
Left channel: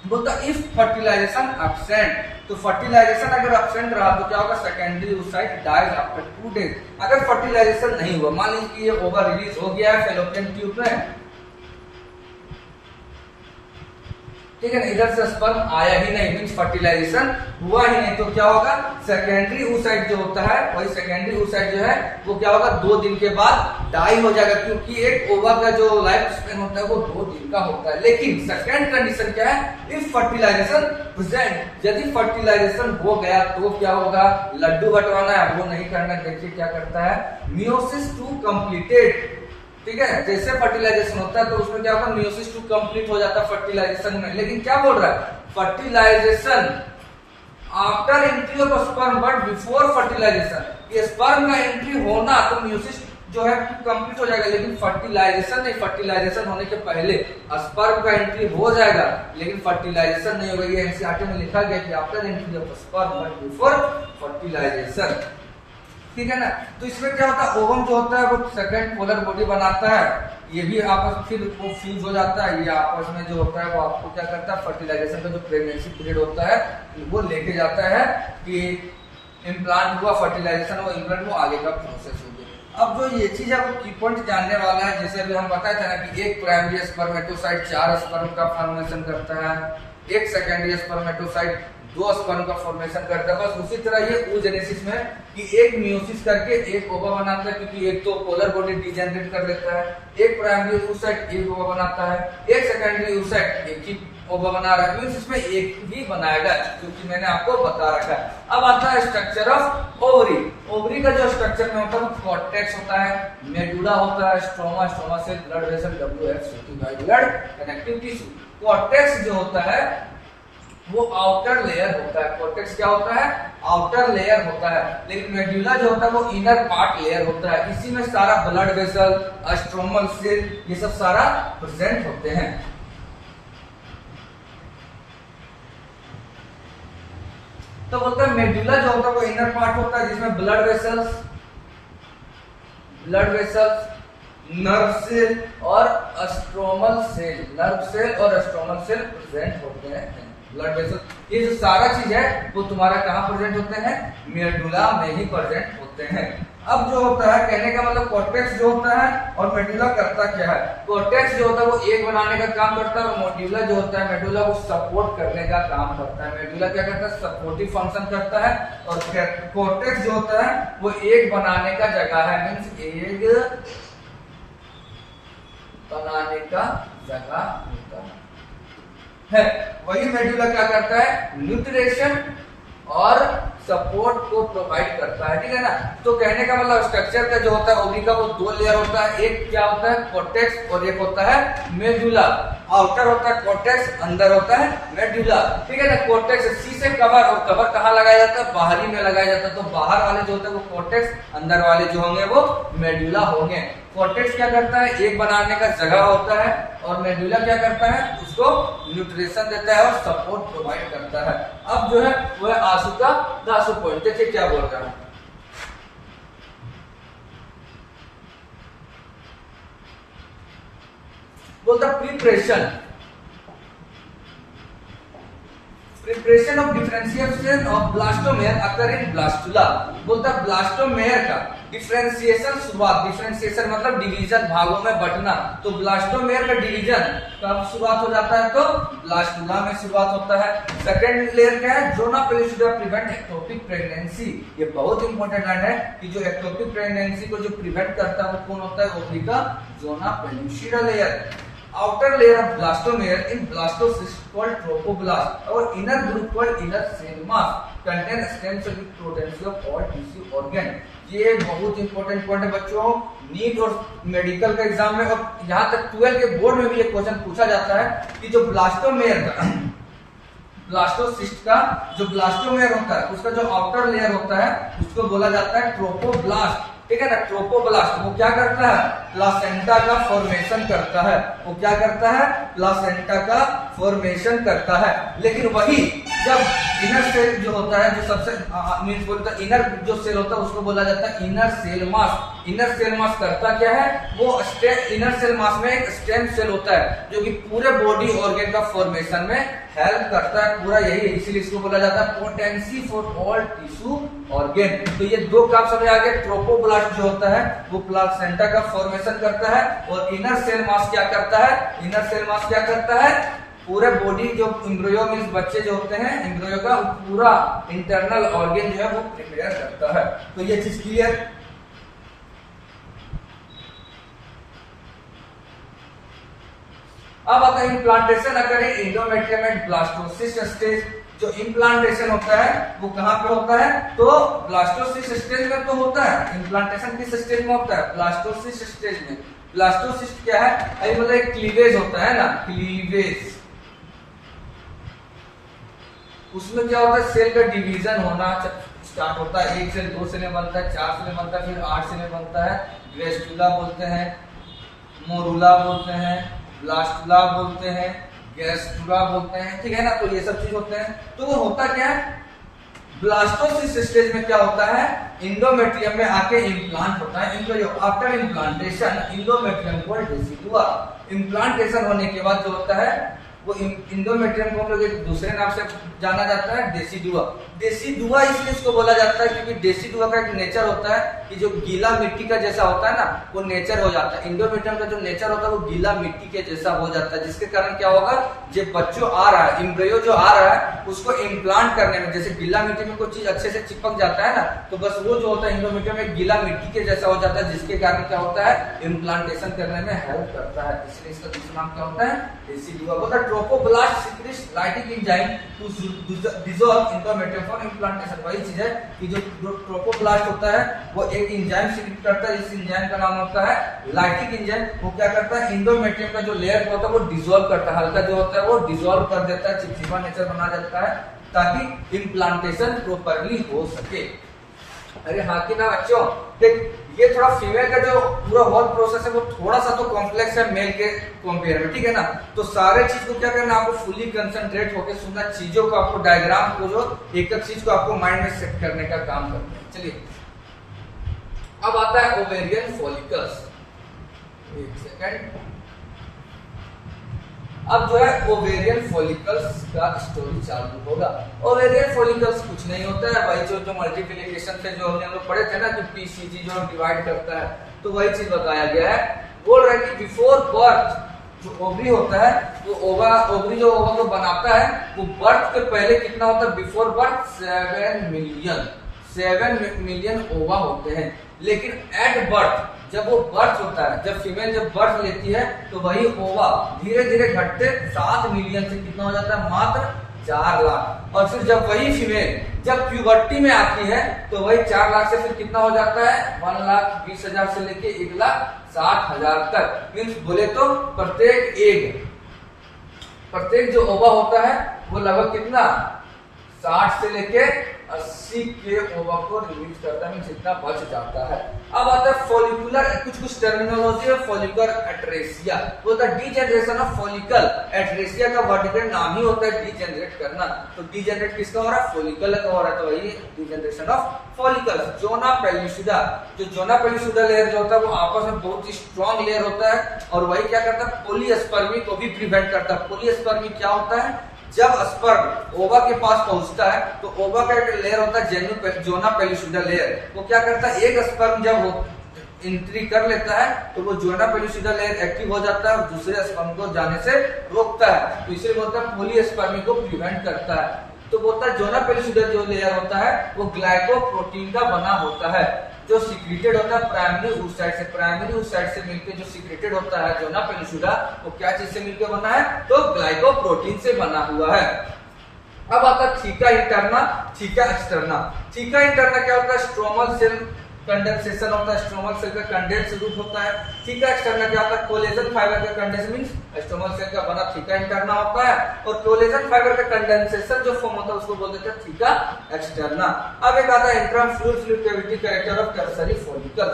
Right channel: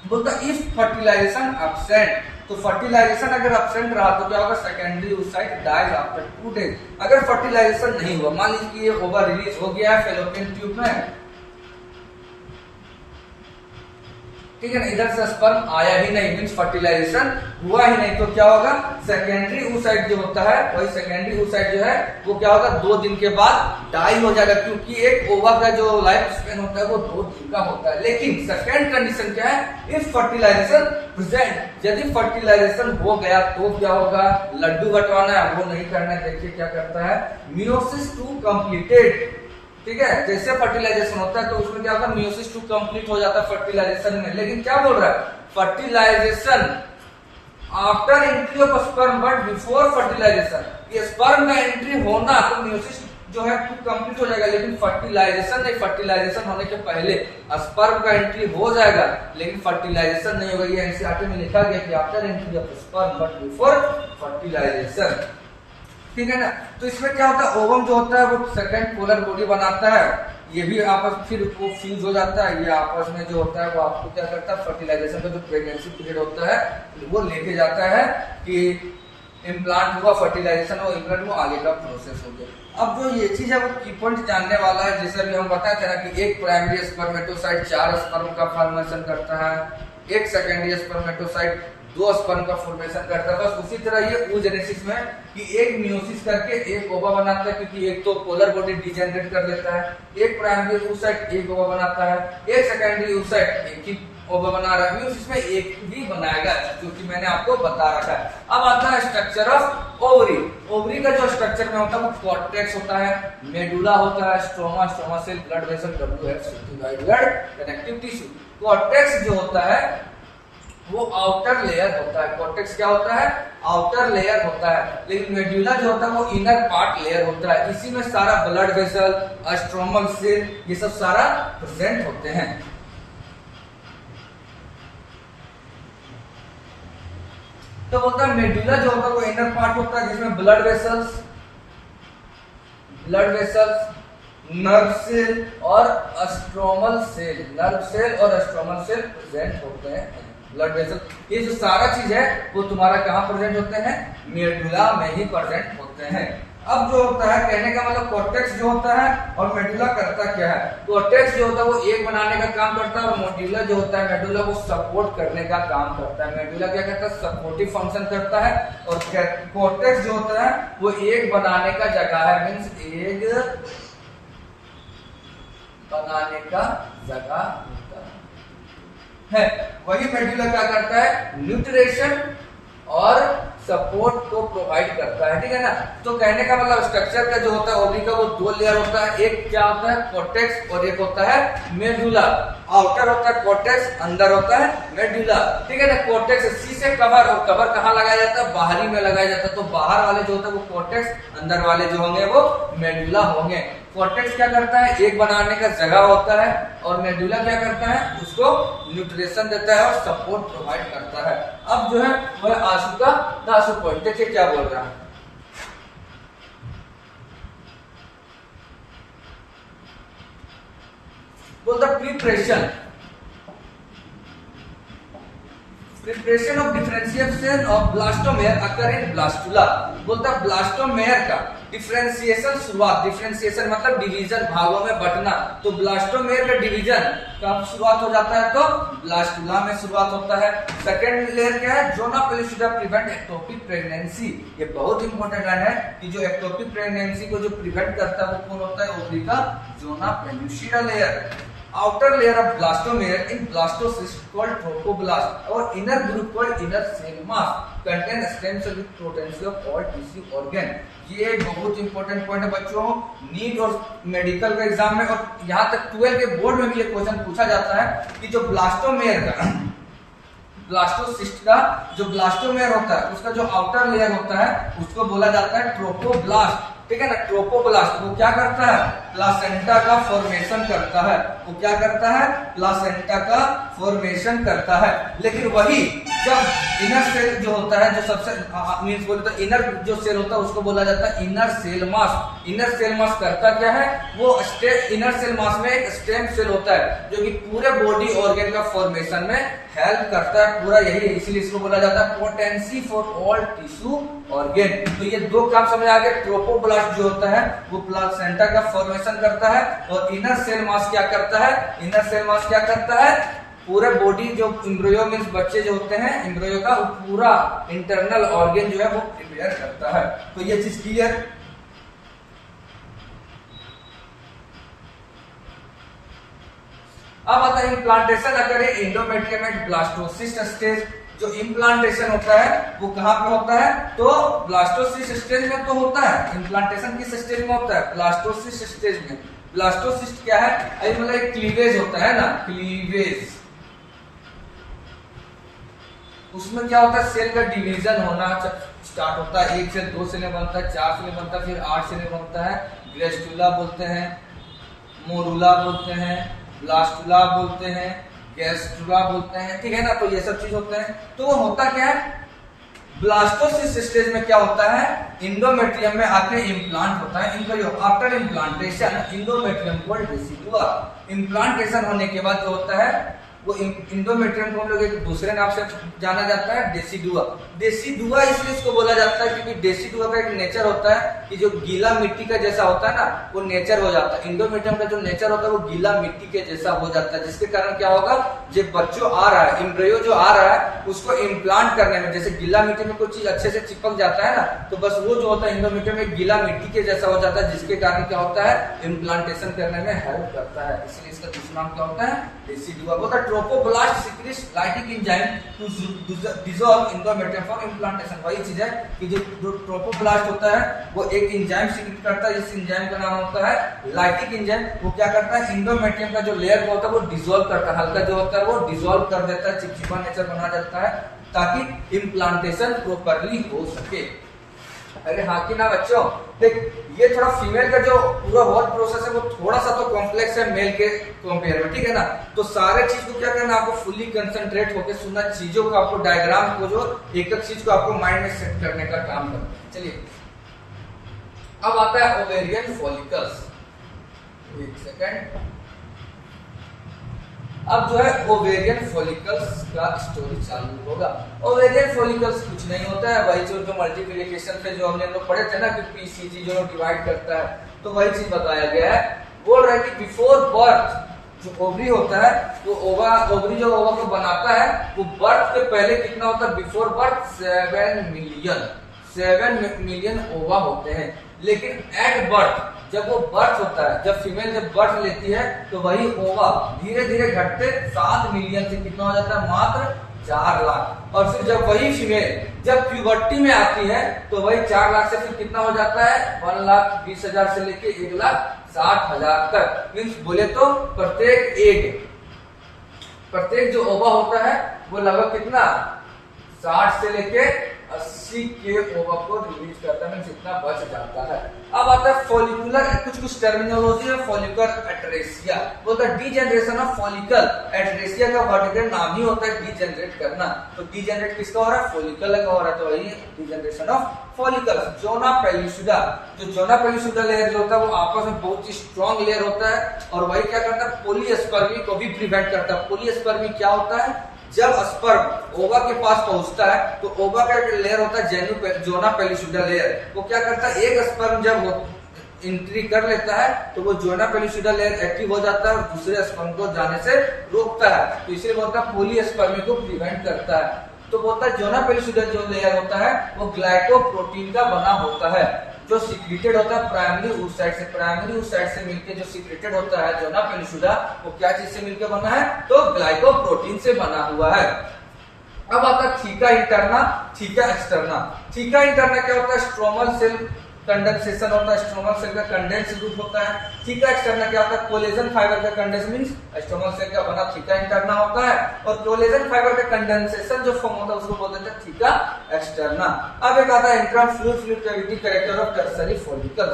बोलता इफ फर्टिलाइजेशन एब्सेंट, तो फर्टिलाइजेशन अगर एब्सेंट रहा तो क्या होगा? Secondary oocyte dies after 2 days. अगर फर्टिलाइजेशन नहीं हुआ, मान लीजिए कि ये ओवा रिलीज हो गया है फेलोपियन ट्यूब में, ठीक है ना, इधर से स्पर्म आया ही नहीं, मींस फर्टिलाइजेशन हुआ ही नहीं, तो क्या होगा, सेकेंडरी oocyte जो होता है, वही सेकेंडरी oocyte जो है वो क्या होगा, 2 दिन के बाद डाई हो जाएगा, क्योंकि एक ओवा का जो लाइफ स्पेन होता है वो 2 दिन का होता है। लेकिन सेकेंड कंडीशन क्या है, इफ फर्टिलाइजेशन प्रेजेंट, यदि फर्टिलाइजेशन हो गया तो क्या होगा, लड्डू बंटवाना है वो नहीं करना है। देखिए क्या करता है, मियोसिस 2 कंप्लीटेड, ठीक है, जैसे फर्टिलाइजेशन होता है तो उसमें क्या होगा, मियोसिस 2 कंप्लीट हो जाता है फर्टिलाइजेशन में। लेकिन क्या बोल रहा है, fertilization after entry of sperm but before fertilization, ये स्पर्म का एंट्री होना तो मियोसिस जो है कंप्लीट हो जाएगा, लेकिन फर्टिलाइजेशन नहीं, फर्टिलाइजेशन होने के पहले स्पर्म का एंट्री हो जाएगा लेकिन फर्टिलाइजेशन नहीं होगा। ये एनसीईआरटी में लिखा गया कि after entry of sperm but before fertilization, ठीक है ना। तो इसमें क्या होता है, ओवम जो होता है वो सेकंड पोलर बॉडी बनाता है, ये भी आपस फिर वो फ्यूज हो जाता है, ये आपस में जो होता है वो आपको क्या करता है, फर्टिलाइजेशन का जो प्रेगनेंसी पीरियड होता है वो लेके जाता है कि इम्प्लांट हुआ, फर्टिलाइजेशन हुआ, इम्प्लांट वो आगे का प्रोसेस हो गया। अब जो ये चीज है वो की पॉइंट जानने वाला है, जैसे अभी हम बताए थे ना कि एक प्राइमरी स्पर्मेटोसाइट 4 स्पर्म का फॉर्मेशन करता है, एक सेकेंडरी स्पर्मेटोसाइट 2 स्पर्म का फॉर्मेशन करता है। बस उसी तरह ये oogenesis में कि एक मियोसिस करके एक ओवा बनाता है, क्योंकि एक तो पोलर बॉडी डिजेनरेट कर लेता है, एक प्राइमरी oocyte एक ओवा बनाता है, एक सेकेंडरी oocyte एक ही ओवा बना रहा है, इसमें एक ही बनाएगा, क्योंकि मैंने आपको बता रखा है। अब आता है स्ट्रक्चर ऑफ ओवरी। ओवरी का जो स्ट्रक्चर में होता है वो कॉर्टेक्स होता है, मेडुला होता है, stroma, stroma cell, blood vessel, WF blood connective tissue. Cortex जो होता है वो आउटर लेयर होता है, कॉर्टेक्स क्या होता है, आउटर लेयर होता है, लेकिन मेडुला जो होता है वो इनर पार्ट लेयर होता है। इसी में सारा ब्लड वेसल, स्ट्रोमल सेल, ये सब सारा प्रेजेंट होते हैं। तो बोलता है मेडुला जो होता है वो इनर पार्ट होता है, जिसमें ब्लड वेसल्स, नर्व सेल और स्ट्रोमल सेल, नर्व सेल और स्ट्रोमल सेल प्रेजेंट होते हैं। ब्लड वेसल, ये जो सारा चीज है वो तुम्हारा कहाँ प्रेजेंट होते हैं, मेडुला में ही प्रेजेंट होते हैं। अब जो होता है, कहने का मतलब कॉर्टेक्स जो होता है और मेडुला करता क्या है, कॉर्टेक्स जो होता है वो एक बनाने का काम करता है, और मेडुला जो होता है, मेडुला वो सपोर्ट करने का काम करता है। मेडुला क्या करता है, सपोर्टिव फंक्शन करता है, और कॉर्टेक्स जो होता है वो एक बनाने का जगह है, मीन्स एक बनाने का जगह होता है। वही मेडुला क्या करता है, न्यूट्रिशन और सपोर्ट को प्रोवाइड करता है, ठीक है ना। तो कहने का मतलब स्ट्रक्चर का जो होता है ओवरी का वो 2 लेयर होता है, एक क्या होता है कॉर्टेक्स और एक होता है मेडुला। आउटर होता है कॉर्टेक्स, अंदर होता है मेडुला, ठीक है ना। कॉर्टेक्स सी से कवर, और कवर कहाँ लगाया जाता है, बाहरी में लगाया जाता है। तो बाहर वाले जो होते हैं वो कॉर्टेक्स, अंदर वाले जो होंगे वो मेडुला होंगे। कॉर्टेक्स क्या करता है, एक बनाने का जगह होता है, और मेडुला क्या करता है, उसको न्यूट्रिशन देता है और सपोर्ट प्रोवाइड करता है। अब जो है वह आंसू का 10 पॉइंट, देखिए क्या बोल रहा है, बोलता preparation of differentiation of blastomere occur in blastula. बोलता ब्लास्टोमेयर का डिफरेंशिएशन शुरुआत, डिफरेंशिएशन मतलब डिवीजन, भागों में बंटना। तो ब्लास्टोमेयर का डिवीजन कब शुरुआत हो जाता है, तो ब्लास्टुला में शुरुआत होता है। सेकंड लेयर क्या है, zona pellucida prevent ectopic pregnancy. ये बहुत इंपॉर्टेंट लाइन है कि जो एक्टोपिक प्रेगनेंसी को जो प्रिवेंट करता है वो कौन होता है, ओवरी का zona pellucida layer. outer layer of blastomere in blastocyst called trophoblast or inner group called inner cell mass contain stem cell with potency of all tissue organ। ये बहुत इंपॉर्टेंट पॉइंट है बच्चों, नीट और मेडिकल के एग्जाम में और यहाँ तक 12 के बोर्ड में भी ये क्वेश्चन पूछा जाता है कि जो ब्लास्टोमेयर का, ब्लास्टोसिस्ट का जो ब्लास्टोमेयर होता है उसका जो आउटर लेयर होता है उसको बोला जाता है ट्रोपोब्लास्ट, ठीक है ना। ट्रोपोब्लास्ट वो क्या करता है, प्लासेंटा का फॉर्मेशन करता है, वो क्या करता है, प्लासेंटा का फॉर्मेशन करता है। लेकिन वही जब इनर सेल जो होता है, जो सबसे मींस बोलते हैं इनर जो सेल होता है उसको बोला जाता है inner cell mass. Inner cell mass करता क्या है, वो इनर सेल मास में एक स्टेम सेल होता है जो कि पूरे बॉडी ऑर्गन का फॉर्मेशन में हेल्प करता है, पूरा यही है, इसीलिए इसको बोला जाता है potency for all tissue organ. तो ये दो काम समझ आ गए। ट्रोपोब्लास्ट जो होता है वो प्लासेंटा का फॉर्मेशन करता है, और इनर सेल मास क्या करता है, इनर सेल मास क्या करता है, पूरे बॉडी जो एम्ब्रियो मीन्स बच्चे जो होते हैं एम्ब्रियो का पूरा इंटरनल ऑर्गन जो है वो प्रिपेयर करता है। तो ये चीज क्लियर। अब आता है इम्प्लांटेशन अगर एंडोमेट्रियम एंड ब्लास्टोसिस्ट स्टेज। जो इम्प्लांटेशन होता है वो कहां पे होता है, तो ब्लास्टोसिस्ट स्टेज में तो होता है। इम्प्लांटेशन किस स्टेज में होता है, ब्लास्टोसिस्ट स्टेज में। ब्लास्टोसिस्ट क्या है, मतलब एक क्लीवेज होता है ना, क्लीवेज। उसमें क्या होता है, सेल का डिवीजन होना स्टार्ट होता है। 1 सेल 2 सेल में बनता है, 4 सेल में बनता है, फिर 8 सेल में बनता है। ग्रेस्टुला बोलते हैं, मोरुला बोलते हैं, ब्लास्टुला बोलते हैं, गैस्ट्रुला बोलते हैं, ठीक है ना। तो ये सब चीज होते हैं। तो वो होता क्या है, ब्लास्टोसिस्ट स्टेज में क्या होता है, इंडोमेट्रियम में आके इम्प्लांट होता है। आफ्टर इम्प्लांटेशन इंडोमेट्रियम को डेसिडुआ। इम्प्लांटेशन होने के बाद जो होता है वो इंडोमेट्रियम को हम लोग एक दूसरे नाम से जाना जाता है, डेसिडुआ। डेसिडुआ इसलिए इसको बोला जाता है क्योंकि डेसिडुआ का एक नेचर होता है कि जो गीला मिट्टी का जैसा होता है ना, वो नेचर हो जाता है। इंडोमेट्रियम का जो नेचर होता है वो गीला मिट्टी के जैसा हो जाता है, जिसके कारण क्या होगा, जो बच्चों आ रहा है, एम्ब्रियो जो आ रहा है, उसको इम्प्लांट करने में, जैसे गीला मिट्टी में कोई चीज अच्छे से चिपक जाता है ना, तो बस वो जो होता है इंडोमेट्रियम में गीला मिट्टी के जैसा हो जाता है, जिसके कारण क्या होता है, इम्प्लांटेशन करने में हेल्प करता है। इसलिए इसका दूसरा नाम क्या होता है, decidua. Trophoblast secretes lytic enzyme to dissolve endometrium for implantation. वही चीज है कि जो ट्रोपोब्लास्ट होता है वो एक एंजाइम सीक्रेट करता है, इस एंजाइम का नाम होता है लाइटिक एंजाइम। वो क्या करता है, इंडोमेट्रियम का जो लेयर होता है वो डिसॉल्व करता है, हल्का जो होता है वो डिसॉल्व कर देता है, चिपचिपा नेचर बना जाता है, ताकि इम्प्लांटेशन प्रॉपर्ली हो सके। अरे हाँ कि ना बच्चों, देख ये थोड़ा फीमेल का जो पूरा होल प्रोसेस है वो थोड़ा सा तो कॉम्प्लेक्स है मेल के कंपेयर में, ठीक है ना। तो सारे चीज को क्या करना, आपको फुली कंसंट्रेट होकर सुनना, चीजों को आपको डायग्राम को जो एक एक चीज को आपको माइंड में सेट करने का काम करना है। चलिए अब आता है ओवेरियन फॉलिकल्स। एक सेकंड, अब जो है ओवेरियन फॉलिकल्स का स्टोरी चालू होगा। ओवेरियन फॉलिकल्स कुछ नहीं होता है, वही जो मल्टीप्लिकेशन पे जो हमने लोग पढ़े थे ना कि पीसीजी जो डिवाइड करता है, तो वही चीज बताया गया है। बोल रहे कि बिफोर बर्थ जो ओवरी होता है, तो ओवरी जो ओवा को बनाता है, वो बर्थ के पहले कितना होता है, बिफोर बर्थ 7 मिलियन ओवा होते हैं। लेकिन एट बर्थ, जब वो बर्थ होता है, जब फीमेल जब बर्थ लेती है, तो वही ओवा धीरे धीरे घटते 7 मिलियन से कितना हो जाता है, मात्र 4 लाख। और फिर जब वही फीमेल जब प्यूबर्टी में आती है, तो वही 4 लाख से फिर कितना हो जाता है, 1,20,000 से लेके 1,60,000 तक। मीन्स बोले तो प्रत्येक जो ओवा होता है वो लगभग कितना 60 से लेके 80 के ओवा को रिलीज करता है, जितना बच जाता है। अब आता है फॉलिकुलर, कुछ टर्मिनोलॉजी है। फॉलिकुलर एट्रेसिया बोलता है डीजेनरेशन ऑफ फॉलिकल। एट्रेसिया का वर्टिकल नाम ही होता है डीजेनरेट करना। तो डीजेनरेट किसका हो रहा है, फॉलिकल का हो रहा है, तो वही degeneration of follicle. Zona pellucida, जो जोना पेलिसुडा लेयर जो होता है वो आपस में बहुत ही स्ट्रॉन्ग लेयर होता है, और वही क्या करता है, पॉलीस्पर्मी को भी प्रिवेंट करता है। पॉलीस्पर्मी क्या होता है, जब स्पर्म ओवा के पास पहुंचता है, तो ओवा का एक लेयर होता है जोना पेलिसुडा लेयर, वो क्या करता है, एक स्पर्म जब एंट्री कर लेता है तो वो जोना पेलिसुडा लेयर एक्टिव हो जाता है और दूसरे स्पर्म को जाने से रोकता है। तो इसलिए बोलता है पॉलीस्पर्मी को प्रिवेंट करता है। तो बोलता है जोना पेलिसुडा जो लेयर होता है वो ग्लाइकोप्रोटीन का बना होता है, जो सीक्रेटेड होता है प्राइमरी oocyte से। प्राइमरी oocyte से मिलके जो सीक्रेटेड होता है जोना पेलिसुडा, वो क्या चीज से मिलकर बना है, तो ग्लाइकोप्रोटीन से बना हुआ है। अब आता है theca interna, theca externa. Theca interna क्या होता है, स्ट्रोमल सेल कंडेंसेशन होता है, स्ट्रोमल सेल का कंडेंस रूप होता है। थीका एक्सटर्ना क्या होता है, कोलेजन फाइबर का कंडेंस मींस स्ट्रोमल सेल का बना थीका इंटरना होता है, और कोलेजन फाइबर का कंडेंसेशन जो फॉर्म होता है उसको बोल देते हैं थीका एक्सटर्ना। अब एक आता है antrum fluid cavity character of tertiary follicle.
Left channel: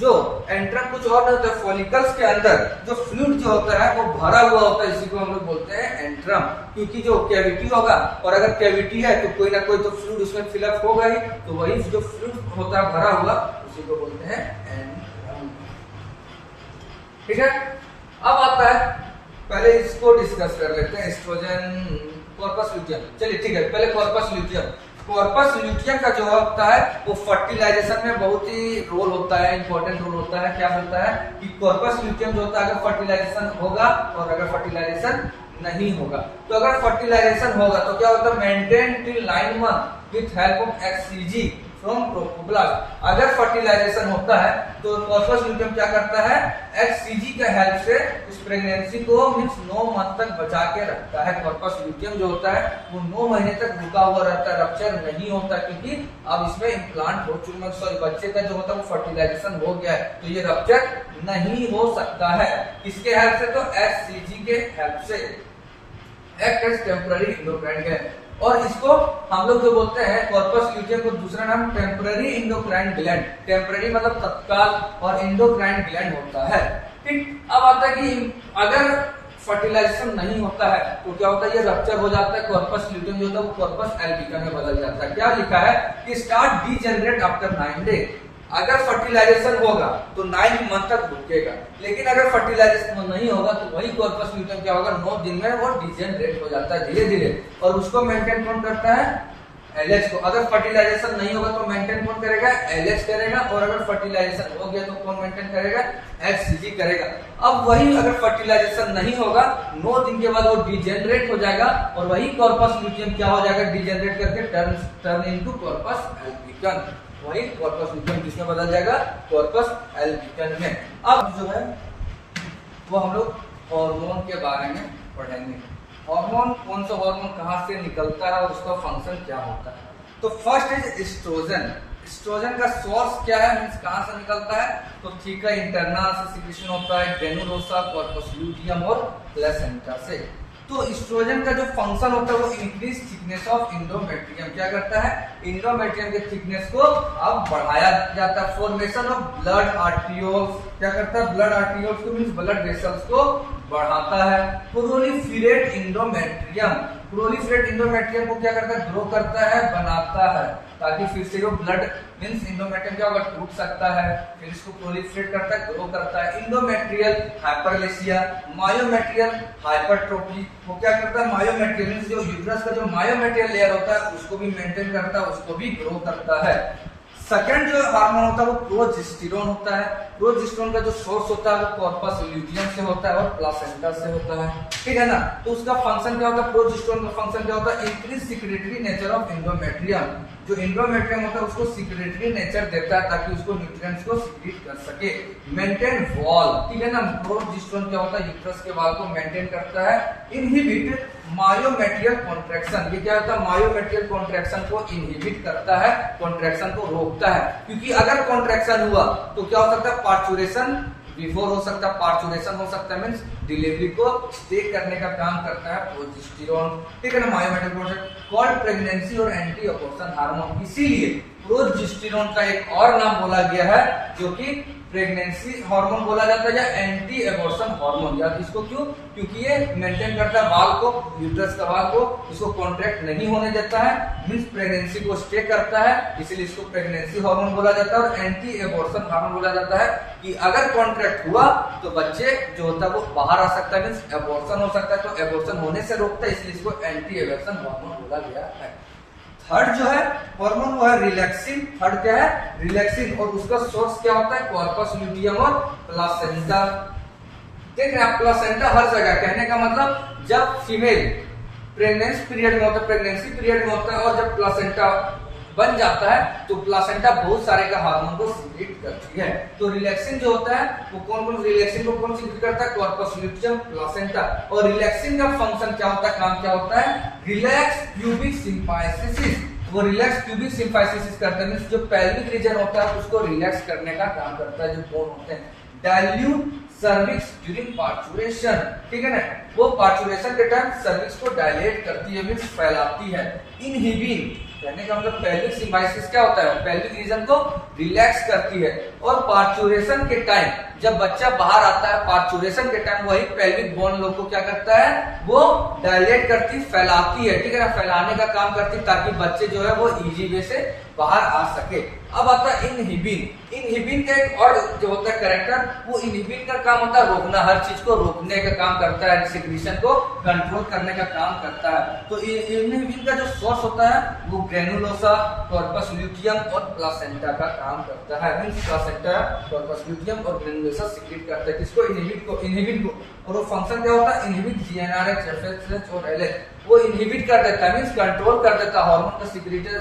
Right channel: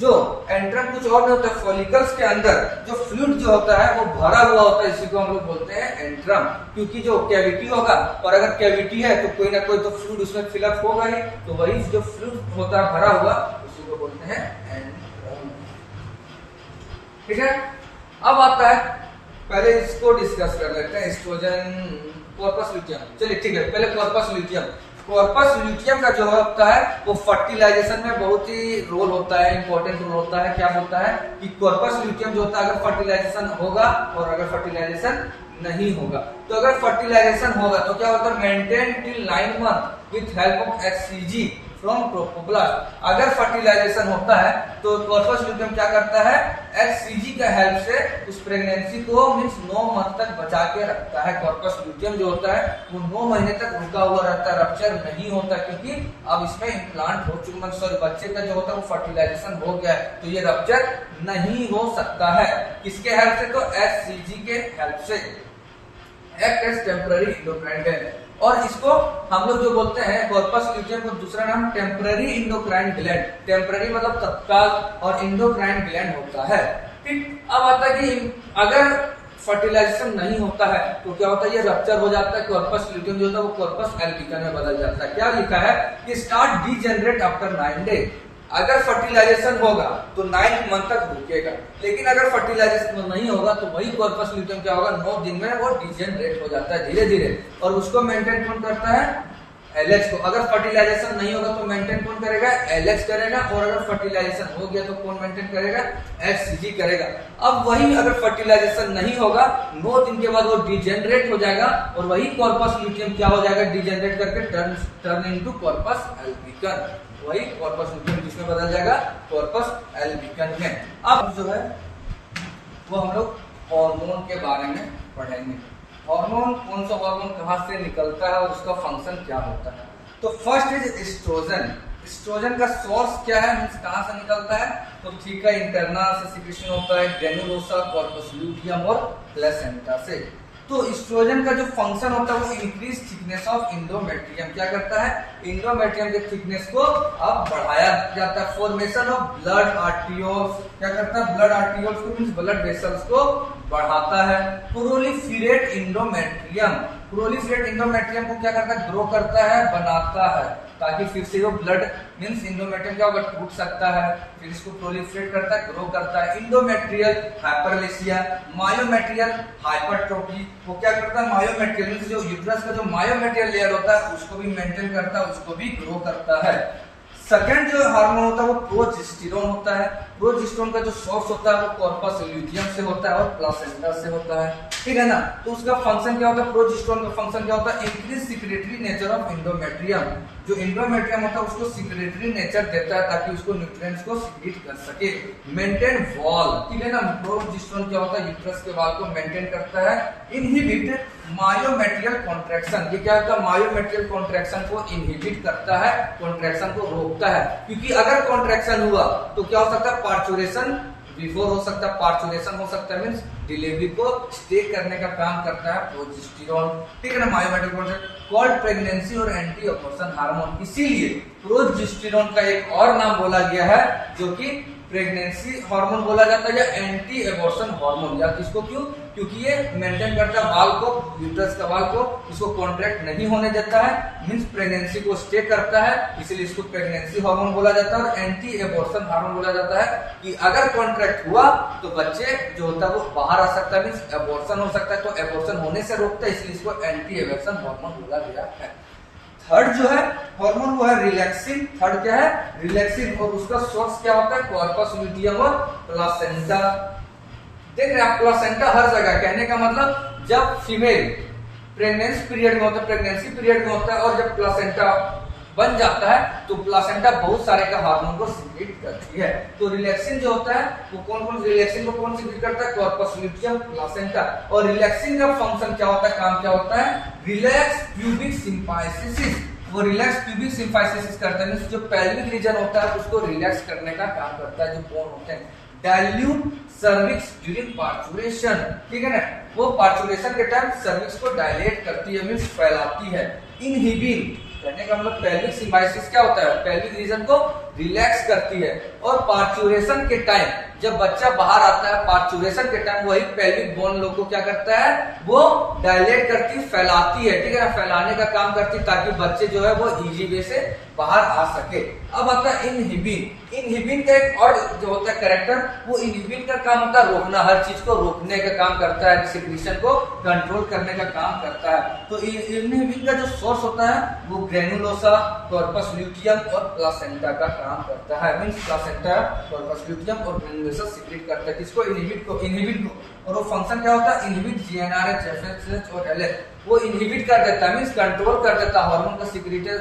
जो एंट्रम कुछ और नहीं होता है, फॉलिकल्स के अंदर जो फ्लूइड जो होता है वो भरा हुआ होता है, इसी को हम लोग बोलते हैं एंट्रम। क्योंकि जो कैविटी होगा, और अगर कैविटी है तो कोई ना कोई तो फ्लूइड उसमें फिलअप होगा ही, तो वही जो फ्लूइड होता है भरा हुआ उसी को बोलते हैं एंट्रम। ठीक है, अब आता है, पहले इसको डिस्कस कर लेते हैं, एस्ट्रोजन कॉर्पस लुटियम। चलिए ठीक है, पहले कॉर्पस लुटियम। कॉर्पस लुटियम का जो होता है वो फर्टिलाइजेशन में बहुत ही रोल होता है, इंपॉर्टेंट रोल होता है। क्या होता है कि कॉर्पस लुटियम जो होता है, अगर फर्टिलाइजेशन होगा और अगर फर्टिलाइजेशन नहीं होगा। तो अगर फर्टिलाइजेशन होगा तो क्या होता है, maintain till 9 month with help of HCG from trophoblast. अगर फर्टिलाइजेशन होता है तो कॉर्पस ल्यूटियम क्या करता है, HCG का हेल्प से उस प्रेगनेंसी को मींस 9 मंथ तक बचा के रखता है। कॉर्पस ल्यूटियम जो होता है वो 9 महीने तक रुका हुआ रहता है, रप्चर नहीं होता, क्योंकि अब इसमें इम्प्लांट हो चुका, सॉरी बच्चे का जो होता है वो फर्टिलाइजेशन हो गया है, तो ये रप्चर नहीं हो सकता है। किसके हेल्प से, तो HCG के हेल्प से, act as temporary endocrine gland. और इसको हम लोग जो बोलते हैं कॉर्पस ल्यूटियम को दूसरा नाम टेम्पररी एंडोक्राइन ग्लैंड, टेम्पररी मतलब तत्काल, और एंडोक्राइन ग्लैंड होता है। ठीक, अब आता है कि अगर फर्टिलाइजेशन नहीं होता है तो क्या होता है, ये रप्चर हो जाता है, कॉर्पस ल्यूटियम जो होता है वो कॉर्पस एल्बिकम में बदल जाता है। क्या लिखा है कि स्टार्ट डीजेनरेट आफ्टर 9 डे। अगर फर्टिलाइजेशन होगा तो 9 मंथ तक रुकेगा, लेकिन अगर फर्टिलाइजेशन नहीं होगा तो वही कॉर्पस ल्यूटियम क्या होगा, 9 दिन में वो डिजेनरेट हो जाता है धीरे धीरे, और उसको मेंटेन कौन करता है, LH को। अगर फर्टिलाइजेशन नहीं होगा तो मेंटेन कौन करेगा, LH करेगा, और अगर फर्टिलाइजेशन हो गया तो कौन मेंटेन करेगा, HCG करेगा। अब वही अगर फर्टिलाइजेशन नहीं होगा 9 दिन के बाद वो डिजेनरेट हो जाएगा, और वही कॉर्पस ल्यूटियम क्या हो जाएगा, डिजेनरेट करके टर्न इनटू कॉर्पस एल्बिकम, वही कॉर्पस ल्यूटियम किसमें बदल जाएगा, कॉर्पस एल्बिकम में। अब जो है वो हम लोग हार्मोन के बारे में पढ़ेंगे। हार्मोन, कौन सा हार्मोन कहां से निकलता है और उसका फंक्शन क्या होता है। तो फर्स्ट इज एस्ट्रोजन। एस्ट्रोजन का सोर्स क्या है, मींस कहां से निकलता है, तो ठीक है इंटरनल से सिक्रेशन होता है, ग्रेनुलोसा, कॉर्पस ल्यूटियम और प्लेसेंटा से। तो एस्ट्रोजन का जो फंक्शन होता है वो इंक्रीज थिकनेस ऑफ एंडोमेट्रियम, क्या करता है, एंडोमेट्रियम के थिकनेस को अब बढ़ाया जाता है। फॉर्मेशन ऑफ ब्लड आर्टियोल्स, क्या करता है, ब्लड आर्टियोल्स को मींस ब्लड वेसल्स को बढ़ाता है। प्रोलिफरेट एंडोमेट्रियम, प्रोलिफरेट एंडोमेट्रियम को क्या करता है, ग्रो करता है, बनाता है, ताकि फिर से वो ब्लड मींस एंडोमेट्रियम क्या होगा, टूट सकता है, फिर इसको प्रोलिफरेट करता है, ग्रो करता है। एंडोमेट्रियल हाइपरप्लेसिया, मायोमेट्रियल हाइपरट्रोफी, वो क्या करता है, मायोमेट्रियल मींस जो यूट्रस का जो मायोमेट्रियल लेयर होता है उसको भी मेंटेन करता है, उसको भी ग्रो करता है। सेकंड जो हार्मोन होता है वो प्रोजेस्टेरोन होता है। प्रोजेस्टेरोन का जो सोर्स होता है वो कॉर्पस ल्यूटियम से होता है और प्लासेंटा से होता है, ठीक है ना। तो उसका फंक्शन क्या होता है, प्रोजेस्टेरोन का फंक्शन क्या होता है, increase secretory nature of endometrium. जो एंडोमेट्रियम होता है उसको सिक्रेटरी नेचर देता है ताकि उसको न्यूट्रिएंट्स को सीक्रेट कर सके। मेंटेन वॉल, ठीक है ना, प्रोजेस्टेरोन क्या होता है, यूट्रस के वॉल को मेंटेन करता है। इनहिबिट मायोमेट्रियल कॉन्ट्रैक्शन, ये क्या होता है, मायोमेट्रियल कॉन्ट्रैक्शन को इनहिबिट करता है, कॉन्ट्रैक्शन को रोकता है, क्योंकि अगर कॉन्ट्रैक्शन हुआ तो क्या हो सकता है, पार्चुरेशन बिफोर हो सकता है, पार्चुरेशन हो सकता है, मींस डिलीवरी को स्टे करने का काम करता है प्रोजेस्टेरोन, ठीक है ना। मायोमेट्रियल कॉन्ट्रैक्शन कॉल्ड प्रेगनेंसी और एंटी अबॉर्शन हार्मोन, इसीलिए प्रोजेस्टेरोन का एक और नाम बोला गया है जो कि प्रेगनेंसी हार्मोन बोला जाता है या एंटी एबॉर्शन हार्मोन। या इसको क्यों, क्योंकि ये मेंटेन करता है वाल को, यूट्रस का वाल को, इसको कॉन्ट्रैक्ट नहीं होने देता है, मींस प्रेगनेंसी को स्टे करता है, इसलिए इसको प्रेगनेंसी हार्मोन बोला जाता है। और एंटी एबॉर्शन हार्मोन बोला जाता है कि अगर कॉन्ट्रैक्ट हुआ तो बच्चे जो होता है वो बाहर आ सकता है, मींस एबॉर्शन हो सकता है, तो एबॉर्शन होने से रोकता है, इसलिए इसको एंटी एबॉर्शन हार्मोन बोला गया है। थर्ड जो है हार्मोन वो है रिलैक्सिन। थर्ड क्या है, रिलैक्सिन, और उसका सोर्स क्या होता है, कॉर्पस ल्यूटियम और प्लासेंटा। देख रहे हैं प्लासेंटा हर जगह, कहने का मतलब जब फीमेल प्रेगनेंसी पीरियड में होता है, प्रेगनेंसी पीरियड में होता है, और जब प्लासेंटा बन जाता है तो प्लासेंटा बहुत सारे का हार्मोन को सीक्रेट करती है। तो रिलैक्सिन जो होता है वो कौन रिलैक्सिन को कौन सीक्रेट करता है, कॉर्पस ल्यूटियम, प्लासेंटा। और रिलैक्सिन का फंक्शन क्या होता है, काम क्या होता है, रिलैक्स प्यूबिक सिम्फाइसिस। वो रिलैक्स प्यूबिक सिम्फाइसिस करते हैं, जो पेल्विक रीजन होता है उसको रिलैक्स करने का काम करता है, जो बोन होते हैं। डाइल्यूट सर्विक्स ड्यूरिंग पार्चुरेशन, ठीक है ना, वो पार्चुरेशन के टाइम सर्विक्स को डायलेट करती है, मींस फैलाती है। इनहिबिट कहने का मतलब पेल्विक सिम्बाइसिस क्या होता है, पेल्विक रीजन को रिलैक्स करती है। और पार्चुरेशन के टाइम जब बच्चा बाहर आता है, पार्चुरेशन के टाइम वही पेल्विक बोन लोग को क्या करता है, वो डायलेट करती, फैलाती है, ठीक है ना, फैलाने का काम करती ताकि बच्चे जो है वो इजी वे से बाहर आ सके। अब आता है इनहिबिन। इनहिबिन का एक और जो होता है कैरेक्टर, वो इनहिबिन का काम होता है रोकना, हर चीज को रोकने का काम करता है, सिक्रीशन को कंट्रोल करने का काम करता है। तो इनहिबिन का जो सोर्स होता है वो ग्रेनुलोसा, कॉर्पस ल्यूटियम और प्लासेंटा का काम करता है, मींस प्लासेंटा, कॉर्पस ल्यूटियम और ग्रेनुलोसा रेगुलेशन सीक्रेट करता है। किसको? इनहिबिट को। और वो फंक्शन क्या होता है? इनहिबिट जीएनआरएच, एफएसएच और एलएच, वो इनहिबिट कर देता है, मींस कंट्रोल कर देता है, हार्मोन का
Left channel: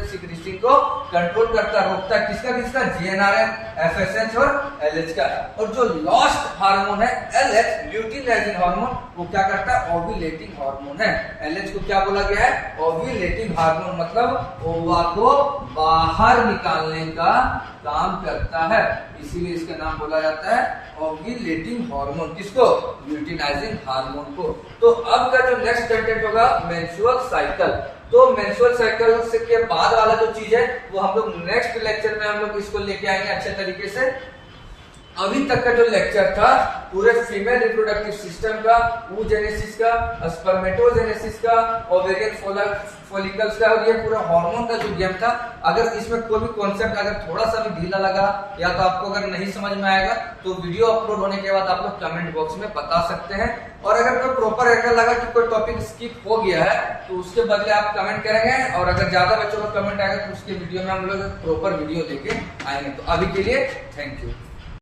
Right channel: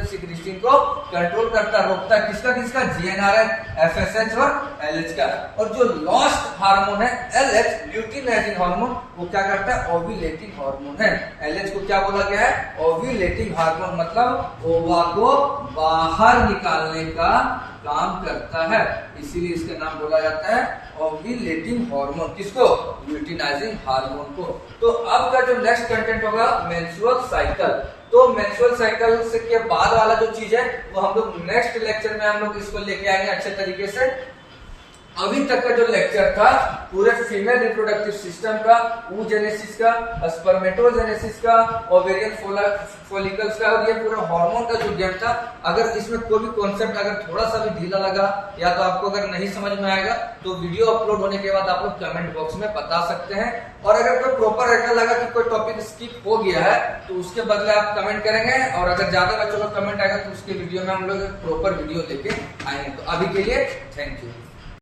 सिक्रीशन को कंट्रोल करता है, रोकता है। किसका? जीएनआरएच, एफएसएच और एलएच का। और जो लास्ट हार्मोन है एलएच, ल्यूटिनाइजिंग हार्मोन, वो क्या करता है? ओव्यूलेटिंग हार्मोन है। एलएच को क्या बोला गया है? ओव्यूलेटिंग हार्मोन, मतलब ओवा को बाहर निकालने का काम करता है, इसीलिए इसका नाम बोला जाता है ओव्यूलेटिंग हार्मोन। किसको? ल्यूटिनाइजिंग हार्मोन को। तो अब का जो नेक्स्ट कंटेंट होगा मेंस्ट्रुअल साइकिल। तो मेंस्ट्रुअल साइकिल से के बाद वाला जो चीज है वो हम लोग नेक्स्ट लेक्चर में हम लोग इसको लेके आएंगे अच्छे तरीके से। अभी तक का जो लेक्चर था पूरे फीमेल रिप्रोडक्टिव सिस्टम का, oogenesis का, स्पर्मेटोजेनेसिस का, ओवेरियन फॉलिकल्स का, और ये पूरा हार्मोन का जो गेम था। अगर इसमें कोई भी कॉन्सेप्ट अगर थोड़ा सा भी ढीला लगा या तो आपको अगर नहीं समझ में आएगा तो वीडियो अपलोड होने के बाद आप लोग कमेंट बॉक्स में बता सकते हैं। और अगर कोई प्रॉपर ऐसा लगा कि कोई टॉपिक स्किप हो गया है तो उसके बदले आप कमेंट करेंगे, और अगर ज्यादा बच्चों का कमेंट आएगा तो उसके वीडियो में हम लोग प्रॉपर वीडियो लेके आएंगे। तो अभी के लिए थैंक यू।